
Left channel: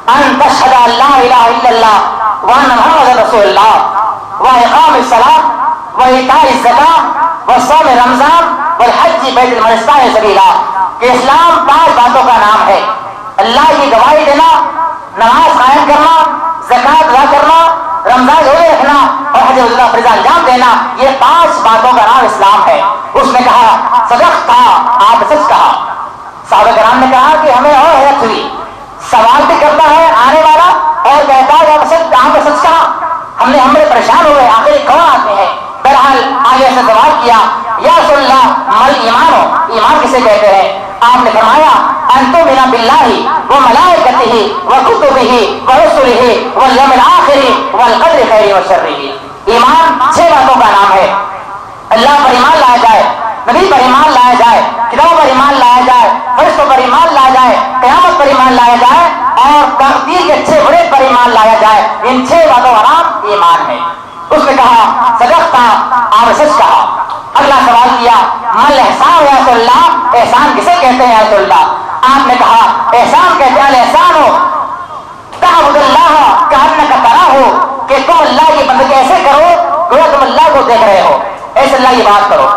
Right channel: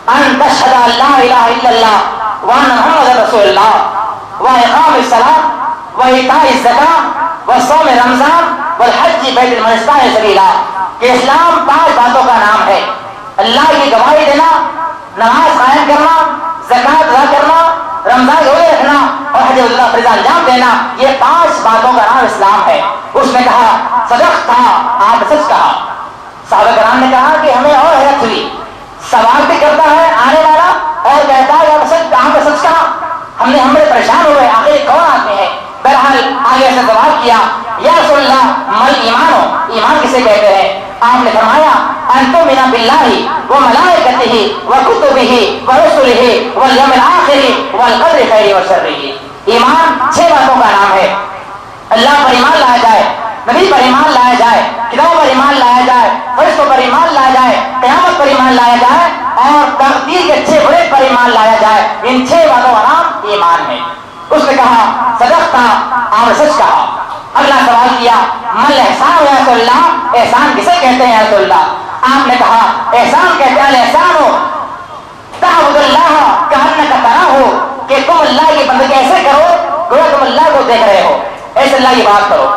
ان تشہد ان لا الہ الا اللہ وان محمد رسول اللہ واقام الصلاۃ وایتاء الزکاۃ وصوم رمضان والحج بیت من استطاع سبیلا، کہ اسلام 5 باتوں کا نام ہے. اللہ کی گواہی دینا، نماز قائم کرنا، زکات ادا کرنا، رمضان روزے رکھنا اور حج اللہ فریضہ انجام دینا، یہ 5 باتوں کا نام اسلام ہے. اس نے کہا صدقت، کہا آپ سچ کہا. صحابہ کرام نے کہا کہ ہمیں اور حیرت ہوئی، سوال بھی کرتا ہے آنے والا اور کہتا ہے آپ نے سچ کہا. ہم نے پریشان ہو گئے، آخر کون آدمی ہے؟ بہرحال آگے سے سوال کیا، یا رسول اللہ مل ایمان ہو، ایمان کسے کہتے ہیں؟ آپ نے فرمایا ان تؤمن باللہ وملائکتہ وکتبہ ورسلہ والیوم الآخر والقدر خیرہ وشرہ. ایمان 6 باتوں کا نام ہے. اللہ پر ایمان لایا جائے، نبی پر ایمان لایا جائے، کتابوں پر ایمان لایا جائے، فرشتوں پر ایمان لایا جائے، قیامت پر ایمان لایا جائے اور تقدیر کے اچھے برے پر ایمان لایا جائے. ان 6 باتوں کا نام ایمان ہے. اس نے کہا صدقت، آپ نے سچ کہا. اگلا سوال کیا مل احسان یا رسول اللہ، احسان کسے کہتے ہیں یا رسول اللہ؟ آپ نے کہا احسان کہتے ہیں الاحسان ہو تعبد اللہ کأنک تراہ، کہ تم اللہ کی بندگی ایسے کرو گویا تم اللہ کو دیکھ رہے ہو، ایسے اللہ کی بات کرو.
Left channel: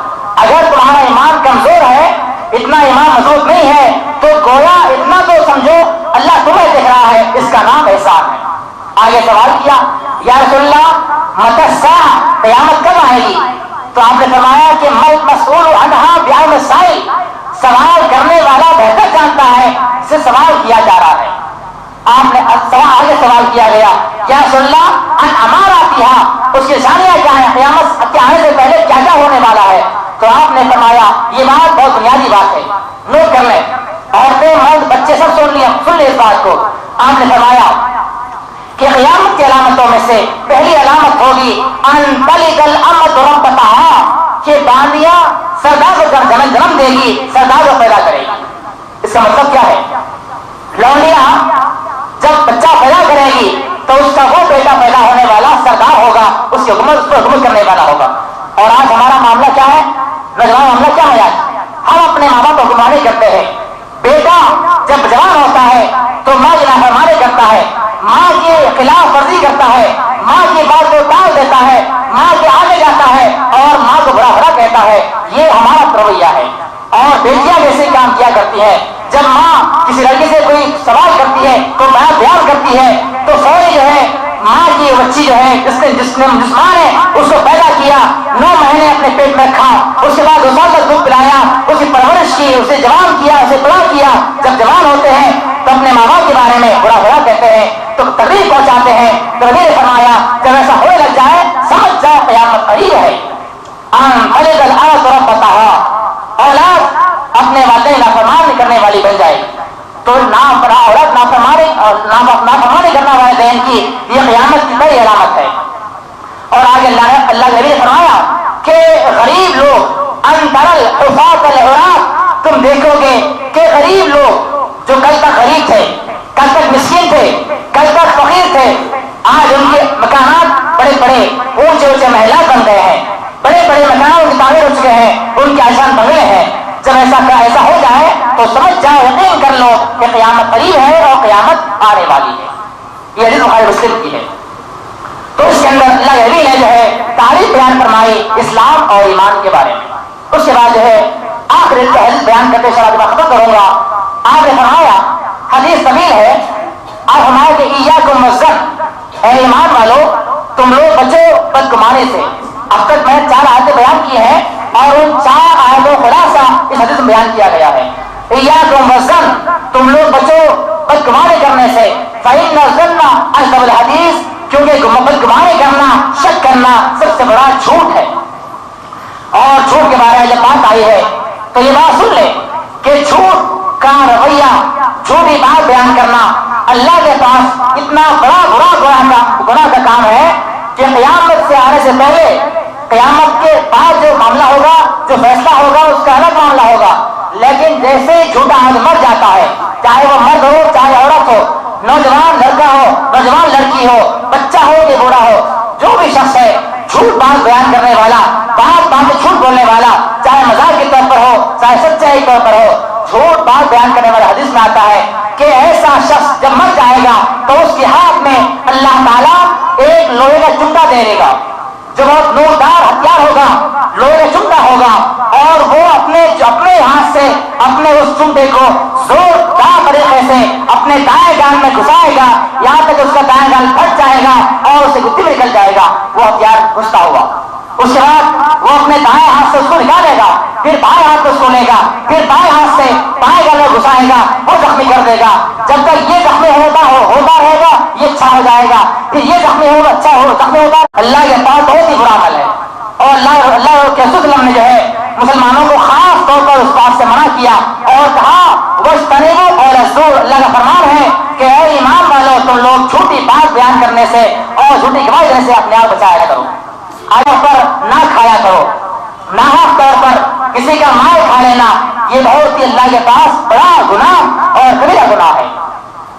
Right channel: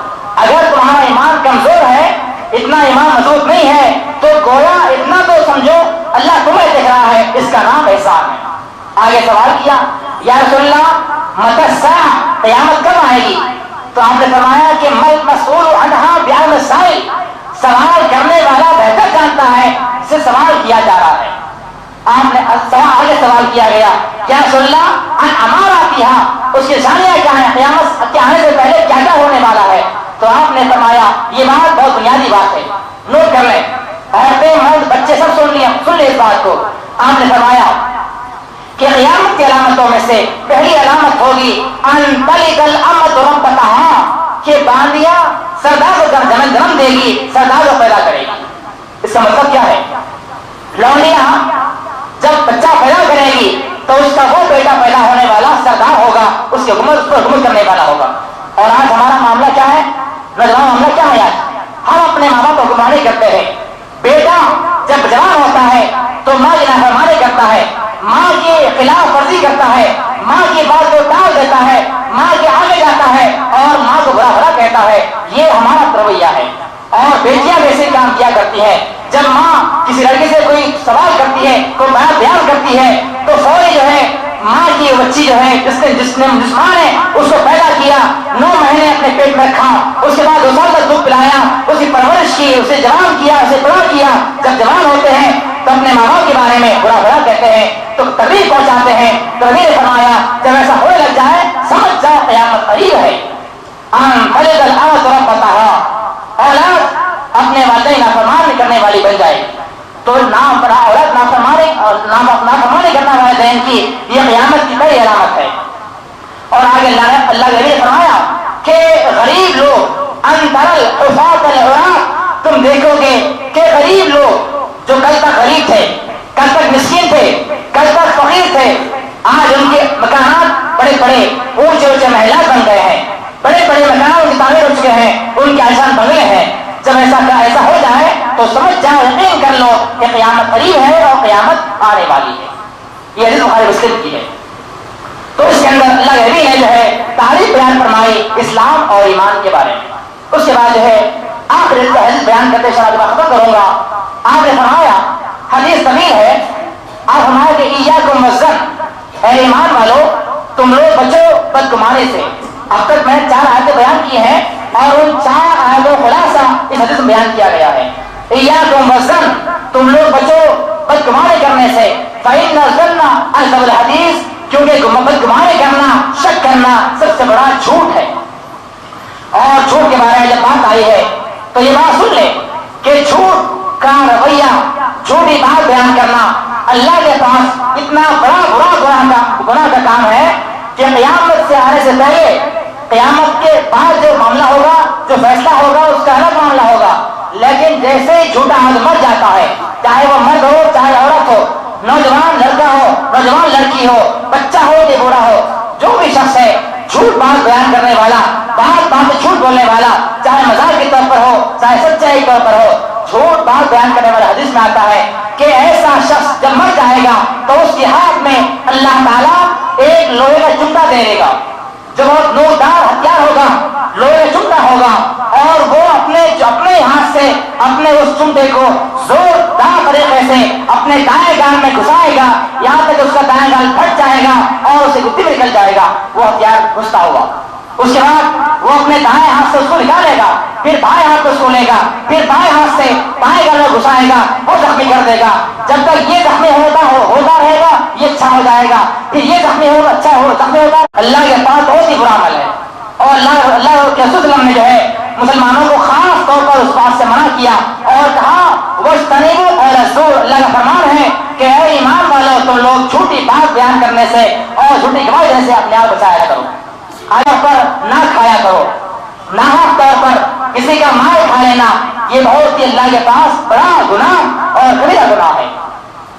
اگر تمہارا ایمان کمزور ہے، اتنا ایمان مضبوط نہیں ہے، تو گویا اتنا تو سمجھو اللہ تمہیں دیکھ رہا ہے، اس کا نام احسان ہے. آگے سوال کیا یا رسول اللہ متی الساعہ، قیامت کب آئے گی؟ تو آپ نے فرمایا کہ مل مسئول عنہا بعلم السائل، سوال کرنے والا بہتر جانتا ہے جس سے سوال کیا جا رہا ہے. آپ نے آگے سوال کیا گیا یا رسول اللہ ان اماراتھا، اس کی نشانیاں کیا ہیں؟ قیامت کے آنے سے پہلے کیا کیا ہونے والا ہے؟ تو آپ نے فرمایا یہ بات بہت بنیادی بات ہے، نوٹ کر لیں، عورتیں مرد بچے سب سن لیں اس بات کو. آپ نے فرمایا کہ قیامت کی علامتوں میں سے پہلی علامت ہوگی ان تلد الامۃ ربتہا، کہ باندیاں سردار کو جنم دے گی، سردار کو پیدا کرے گی. اس کا مطلب کیا ہے؟ لونڈیاں جب بچہ پیدا کرے گی تو اس کا وہ بیٹا پیدا ہونے والا سردار ہوگا، اس کی حکومت کرنے والا ہوگا. اور آج ہمارا معاملہ کیا ہے؟ نوجوان معاملہ کیا ہے؟ آج ہم اپنے ماں باپ کو حکمرانی کرتے ہیں. بیٹا جب جوان ہوتا ہے تو ماں کی نافرمانی کرتا ہے، ماں کی خلاف ورزی کرتا ہے، ماں کی بات کو ٹال دیتا ہے، ماں کے آگے جاتا ہے اور ماں کو برا بھلا کہتا ہے. یہ ہمارا رویہ ہے. اور بیٹیاں ویسے کام کیا کرتی ہیں، جب ماں کسی لڑکے سے کوئی سوال کرتی ہے، کوئی بیان کرتی ہے تو فوری جو ہے ماں کی بچی جو ہے جس ماں نے اس کو پیدا کیا، 9 مہینے اپنے پیٹ میں رکھا، اس کے بعد 2 سال تک دودھ پلایا، اس کی پرورش کی، اسے جوان کیا، اسے بڑا کیا. جب جوان ہوتے ہیں تو اپنے ماں باپ کے بارے میں برا بھلا کہتے ہیں، تو تکلیف پہنچاتے ہیں. تو نبی نے فرمایا جب ایسا ہونے لگ جائے سمجھ جاؤ قیامت قریب ہے. تلد الامۃ ربتہا، اولاد اپنے والدین نافرمانی کرنے والی بن جائے. تو نام پڑھا اولاد نافرمانی کرنا والدین کی، یہ قیامت کی بڑی علامت ہے. اور آگے اللہ کے نبی نے فرمایا کہ غریب لوگ ان ترى الحفاة العراة، تم دیکھو گے کہ غریب لوگ جو کل تک غریب تھے، کل تک مسکین تھے، کل تک فقیر تھے، آج ان کے مکانات بڑے بڑے اونچے اونچے محلات بن گئے ہیں، بڑے بڑے مکانات ان کی تعمیر ہو چکے ہیں، ان کے عالیشان بنگلے ہیں. جب ایسا ہو جائے تو سمجھ جاؤ، یقین کر لو کہ قیامت قریب ہے اور قیامت آنے والی ہے. یہ حدیث بخاری مسلم کی ہے. تو اس کے اندر اللہ کے نبی نے جو ہے تعریف بیان فرمائی اسلام اور ایمان کے بارے میں. اس کے بعد جو ہے آخری حدیث بیان کرتے شاید میں ختم کروں گا. آپ نے فرمایا، حدیث طویل ہے، آپ فرمایا کہ ایاکم والظن، اے ایمان والو تم لوگ بچو بدگمانی سے. اب تک میں نے 4 آیتیں بیان کی ہیں اور ان 4 آیتوں خلاصہ اس حدیث میں بیان کیا گیا ہے. ایاکم والظن، تم لوگ بچو بدگمانی کرنے سے. فإن الظن أكذب الحدیث، کیونکہ بدگمانی کرنا، شک کرنا سب سے بڑا جھوٹ ہے. اور جھوٹ کے بارے میں جب بات آئی ہے تو یہ بات سن لے کہ جھوٹ کا رویہ، جھوٹی بات بیان کرنا اللہ کے پاس اتنا بڑا گناہ کا کام ہے کہ قیامت سے آنے سے پہلے، قیامت کے بعد جو معاملہ ہوگا، جو فیصلہ ہوگا، اس کا الگ معاملہ ہوگا. لیکن جیسے ہی جھوٹا آدمی مر جاتا ہے، چاہے وہ مرد ہو چاہے عورت ہو، نوجوان لڑکا ہو نوجوان لڑکی ہو، بچہ ہو کہ بوڑھا ہو، جو بھی شخص ہے جھوٹ بات بیان کرنے والا، بات میں جھوٹ بولنے والا، چاہے مذاق کے طور پر ہو چاہے سچائی کے طور پر ہو، جھوٹ بات بیان کرنے والا حدیث میں آتا ہے کہ ایسا شخص جب مر جائے گا تو اس کے ہاتھ میں اللہ تعالیٰ ایک لوہے کا چمٹا دے دے گا، جو بہت نوردار ہتھیار ہوگا، لوہے کا چمٹا ہوگا، اور وہ اپنے ہاتھ سے اپنے اس چمٹے کو زوردار طریقے سے اپنے دائیں گال میں گھسائے گا، یہاں تک اس کا دائیں گال پھٹ جائے گا اور اسے گدی میں نکل جائے گا وہ ہتھیار گھستا ہوا. اس کے بعد وہ اپنے دائیں ہاتھ سے اس کو نکالے گا، پھر بائیں ہاتھ اس کو لے گا، پھر بائیں ہاتھ سے بائیں گال میں گھسائے گا، وہ زخمی کر دے گا. جب تک یہ زخمی ہوتا رہے گا یہ اچھا ہو جائے گا، پھر یہ زخمی ہوگا زخمی ہوگا. اللہ کے پاس بہت ہی برا حال ہے. اور اللہ کے رسول نے جو ہے مسلمانوں کو خاص طور پر اس بات سے منع کیا اور کہا وَاجْتَنِبُوا قَوْلَ الزُّورِ. اللہ کا فرمان ہے کہ اے ایمان والو تم لوگ جھوٹی بات بیان کرنے سے اور جھوٹی گواہی دینے سے اپنے آپ بچایا کرو. آیا پر نہ کھایا کرو، ناحق طور پر کسی کا مال کھا لینا یہ بہت ہی اللہ کے پاس بڑا گناہ اور کبیرہ گناہ ہے.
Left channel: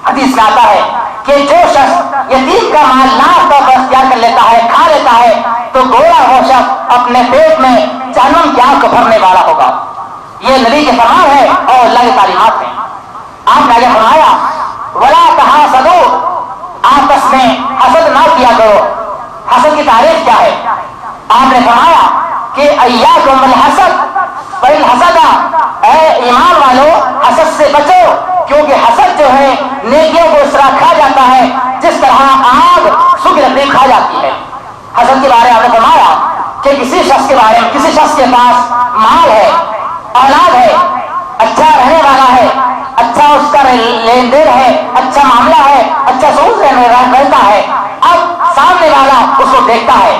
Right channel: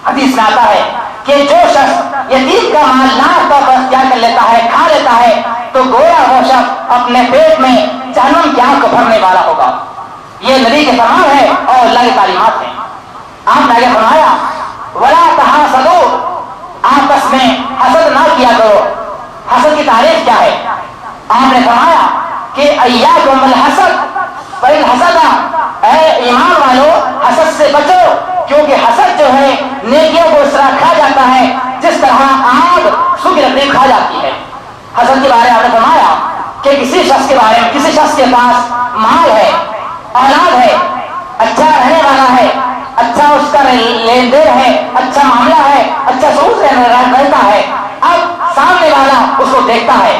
حدیث میں آتا ہے کہ جو شخص یتیم کا مال ناحق طور پر اختیار کر لیتا ہے، کھا لیتا ہے، تو گویا وہ شخص اپنے پیٹ میں جہنم کی آگ کو بھرنے والا ہوگا. یہ نبی کے فرمان ہے اور اللہ کی تعلیمات ہیں. آپ نے آگے فرمایا وَلَا تَحَاسَدُوا، آپس میں حسد نہ کیا کرو. حسد کی تعریف کیا ہے؟ آپ نے فرمایا کہ ایاکم الحسد فإن الحسد، اے ایمان والو حسد سے بچو، کیونکہ حسد جو ہے نیکیوں کو اس طرح کھا جاتا ہے جس طرح آگ سوکھی لکڑی کھا جاتی ہے. حسد کے بارے میں آپ نے فرمایا کہ کسی شخص کے بارے میں، کسی شخص کے پاس مال ہے، اولاد ہے، اچھا رہنے والا ہے، اچھا اس کا لین دین ہے، اچھا معاملہ ہے، اچھا سوچ رہتا ہے، اب سامنے والا اس کو دیکھتا ہے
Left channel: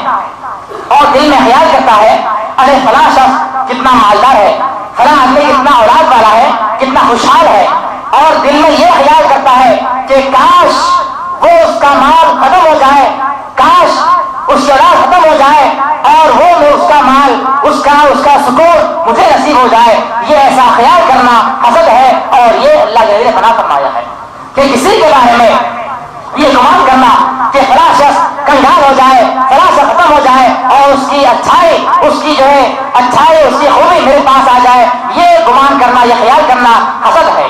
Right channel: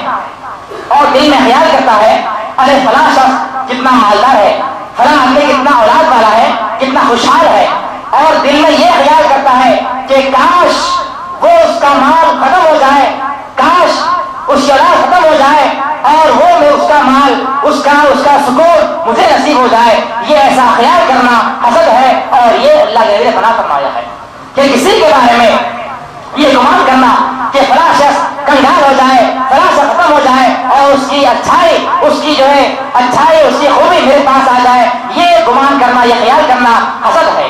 اور دل میں خیال کرتا ہے ارے فلاں شخص کتنا مالدار ہے، فلاں آدمی کتنا اولاد والا ہے، کتنا خوشحال ہے، اور دل میں یہ خیال کرتا ہے کہ کاش وہ اس کا مال ختم ہو جائے، کاش اس کی اولاد ختم ہو جائے اور وہ میں اس کا مال، اس کا سکون مجھے نصیب ہو جائے. یہ ایسا خیال کرنا حسد ہے اور یہ اللہ نے منع فرمایا ہے کہ کسی کے بارے میں یہ گمان کرنا کہ فلاں شخص کنگال ہو جائے، فلاں شخص ختم ہو جائے اور اس کی اچھائی، اس کی جو ہے اچھائی، اس کی خوبی میرے پاس آ جائے، یہ گمان کرنا، یہ خیال کرنا حسد ہے.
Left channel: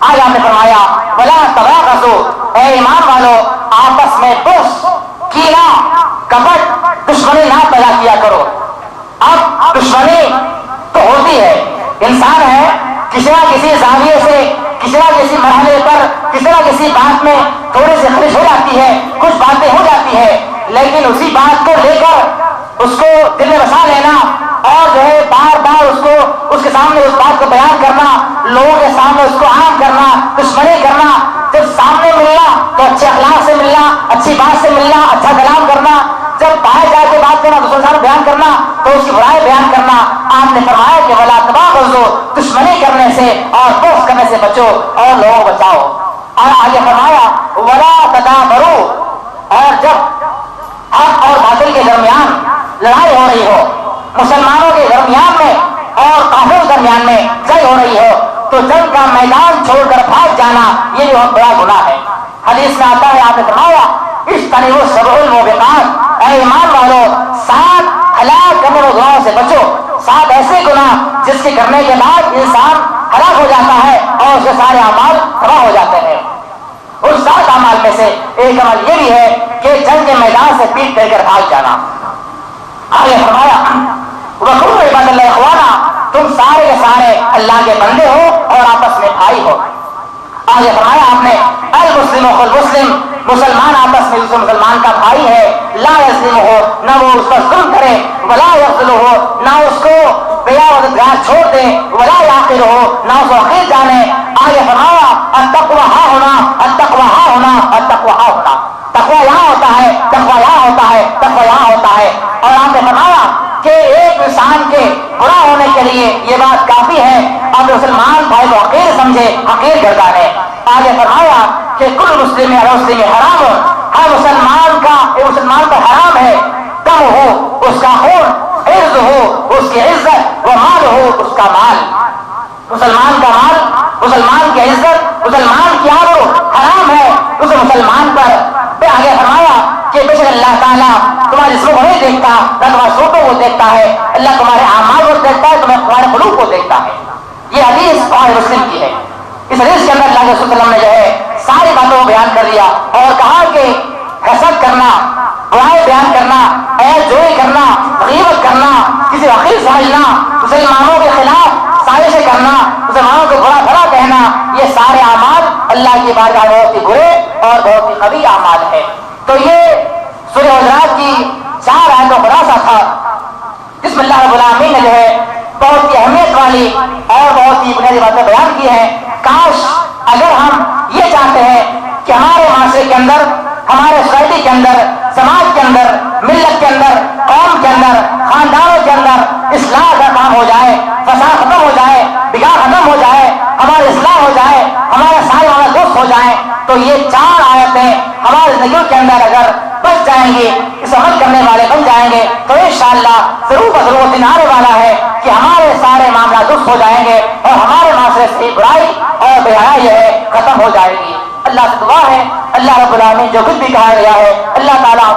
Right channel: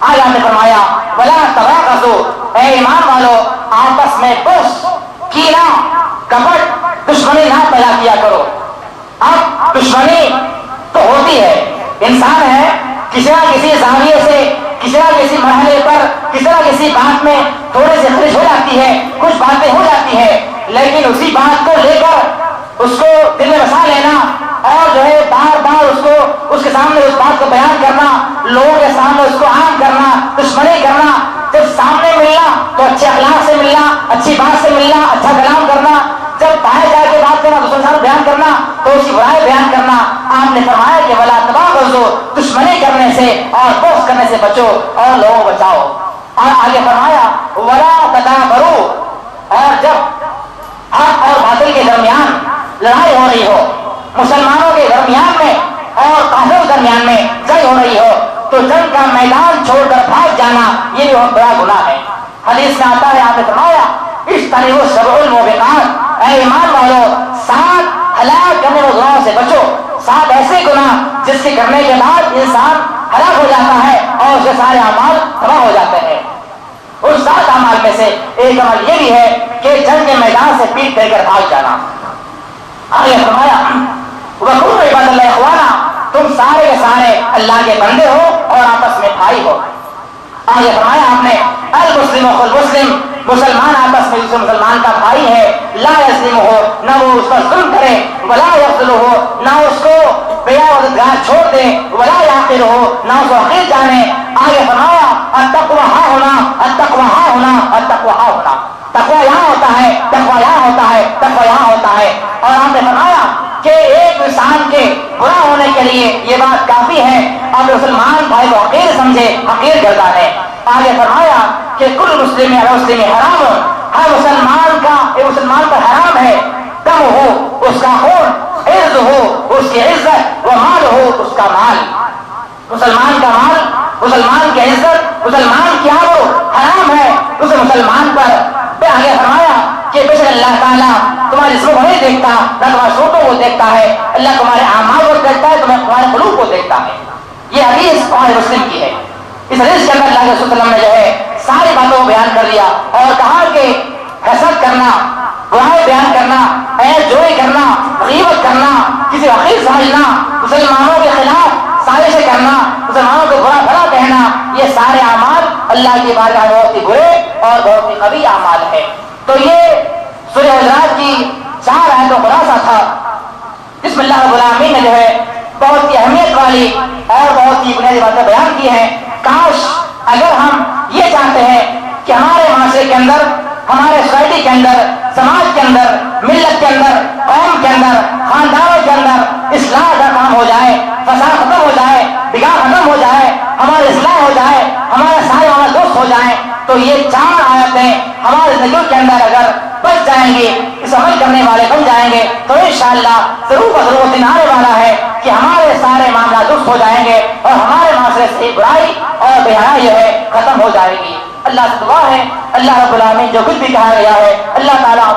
آج آپ نے فرمایا وَلَا تَبَاغَضُوا، اے ایمان والو آپس میں بغض، کینہ، کپٹ، دشمنی نہ پیدا کیا کرو. اب دشمنی تو ہوتی ہے، انسان ہے، کسی نہ کسی زاویے سے، کسی نہ کسی مرحلے پر، کسی نہ کسی بات میں تھوڑی سی خرش ہو جاتی ہے، کچھ باتیں ہو جاتی ہے، لیکن اسی بات کو لے کر اس کو دل میں بسا لینا اور جو ہے بار بار اس کے سامنے اس بات کو بیان کرنا، لوگوں کے سامنے اس کو عام کرنا، دشمنی کرنا. جب سامنے ملنا تو اچھے اخلاق سے ملنا، اچھی بات سے ملنا، اچھا کلام کرنا، جب باہر جا کے بات کرنا، دوسرے سامنے بیان کرنا تو اس کی برائی بیان کرنا. آپ نے فرمایا کہ ولا تباغضوا، دشمنی کرنے سے اور بغض کرنے سے بچو اور لوگوں کو بچاؤ. اور آگے فرمایا ولا تدابروا، اور جب حق اور باطل کے درمیان لڑائی ہو رہی ہو، مسلمانوں کے درمیان میں اور کافروں کے درمیان میں جنگ ہو رہی ہو، تو جنگ کا میدان چھوڑ کر بھاگ جانا یہ بھی بہت بڑا گناہ ہے. حدیث میں آتا ہے، آپ نے فرمایا اجتنبوا السبع الموبقات، اے ایمان والو 7 ہلاک کرنے والے گناہوں سے بچو. 7 ایسے گناہ جس کے کرنے کے بعد انسان ہلاک ہو جاتا ہے اور اس کے سارے اعمال تباہ ہو جاتے ہیں. اس 7 اعمال میں سے ایک عمل یہ بھی ہے کہ جنگ کے میدان سے پیٹ پھیر کر بھاگ جانا. آگے فرمایا وَكُونُوا عِبَادَ اللَّهِ إِخْوَانًا، تم سارے کے سارے اللہ کے بندے ہو اور آپس میں بھائی ہو. آگے فرمایا آپ نے المسلم اخو المسلم، مسلمان آپس میں دوسرے مسلمان کا بھائی ہے. لا یظلمہ، نہ وہ اس پر ظلم کرے، ولا یخذلہ، نہ اس کو بیا وزدگار چھوڑ دے، ولا یحقرہ، نہ اس کو حقیر جانے. آگے فرمایا التقوی ہاں ہونا، التقوی ہاں ہونا، التقوی ہاں ہونا. تقوی یہاں ہوتا ہے، تقوی یہاں ہوتا ہے، تقوی یہاں ہوتا ہے. اور آپ نے فرمایا کہ ایک انسان کے برا ہونے کے لیے یہ بات کافی ہے اور مسلمان بھائی کو حقیر سمجھے، حقیر کرتا ہے. آگے فرمایا کہ کل مسلم علی مسلم حرام، ہر مسلمان کا ایک مسلمان پر حرام ہے دم ہو اس کا خون، عرض ہو اس کی عزت، و مال ہو اس کا مال. مسلمان کا مال، مسلمان کی عزت، مسلمان کی آبرو حرام ہے اس مسلمان پر. آگے فرمایا کہ بے شک اللہ تعالیٰ تمہارے جسموں کو نہیں دیکھتا، نہ تمہارے صوتوں کو دیکھتا ہے، اللہ تمہارے اعمال کو دیکھتا ہے، تمہارے قلوب کو دیکھتا ہے. یہ حدیث بخاری مسلم کی ہے. اس حدیث کے اندر اللہ کے رسول صلی اللہ علیہ وسلم نے جو ہے ساری باتوں کو بیان کر دیا اور کہا کہ حسد کرنا، برائی بیان کرنا، عیب جوئی کرنا، غیبت کرنا، کسی کو حقیر سمجھنا، مسلمانوں کے خلاف سازشیں کرنا، مسلمانوں کو برا بھلا کہنا، یہ سارے اعمال اللہ کی بارگاہ میں بہت ہی برے اور بہت ہی قبیح اعمال ہیں. تو یہ سورہ حجرات کی 4 آیتوں کا خلاصہ تھا جس میں اللہ رب العالمین نے جو ہے بہت ہی اہمیت والی اور بہت ہی بنیادی باتیں بیان کی ہیں. کاش اگر ہم یہ چاہتے ہیں کہ ہمارے معاشرے کے اندر، ہمارے سوسائٹی کے اندر، سماج کے اندر، ملت کے اندر، قوم کے اندر، خاندانوں کے اندر اصلاح کا کام ہو جائے، فساد ختم ہو جائے، بگاڑ ختم ہو جائے، ہماری اصلاح ہو جائے، ہمارے سارے معاملات درست ہو جائیں، تو یہ 4 آیتیں ہماری زندگیوں کے اندر اگر بچ جائیں گے، اس عمل کرنے والے بن جائیں گے، تو انشاءاللہ ضرور ضرور دن آنے والا ہے کہ ہمارے سارے معاملات درست ہو جائیں گے اور ہمارے معاشرے سے برائی اور بے حیائی جو ہے ختم ہو جائے گی. اللہ سے دعا ہے اللہ رب العالمین جو کچھ بھی کہا گیا ہے اللہ تعالیٰ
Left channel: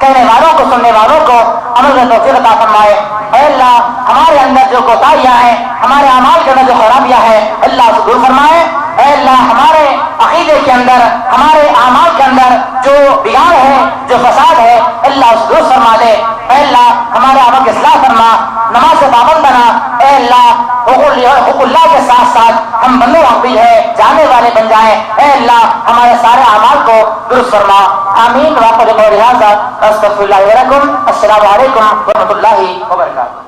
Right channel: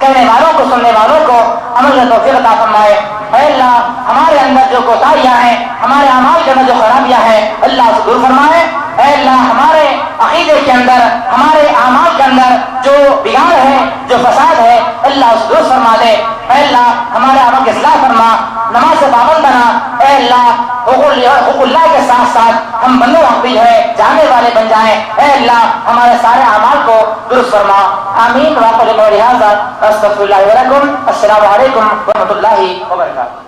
کہنے والوں کو، سننے والوں کو عمل میں توفیق عطا فرمائے. اے اللہ ہمارے اندر جو کوتاہیاں ہیں، ہمارے اعمال کے اندر جو خرابیاں ہیں اللہ سے دور فرمائے. اے اللہ ہمارے عقیدے کے اندر، ہمارے اعمال کے اندر جو بگاڑ ہے، جو فساد ہے اللہ اس کو دور فرما دے. اے اللہ ہمارے عمل کی اصلاح فرما، نماز سے پابند بنا. اے اللہ حقوق اللہ کے ساتھ ساتھ ہم بندوں حق بھی جو ہے جانے والے بن جائیں. اے اللہ ہمارے سارے اعمال کو درست فرما. آمین. واقعی قولی ھذا استغفر اللہ ولکم. السلام علیکم ورحمۃ اللہ وبرکاتہ.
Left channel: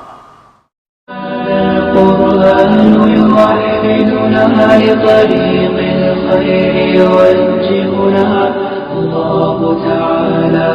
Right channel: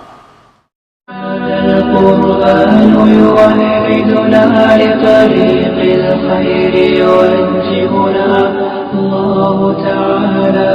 القرآن يوحدنا لطريق الخير يوجهنا. الله تعالى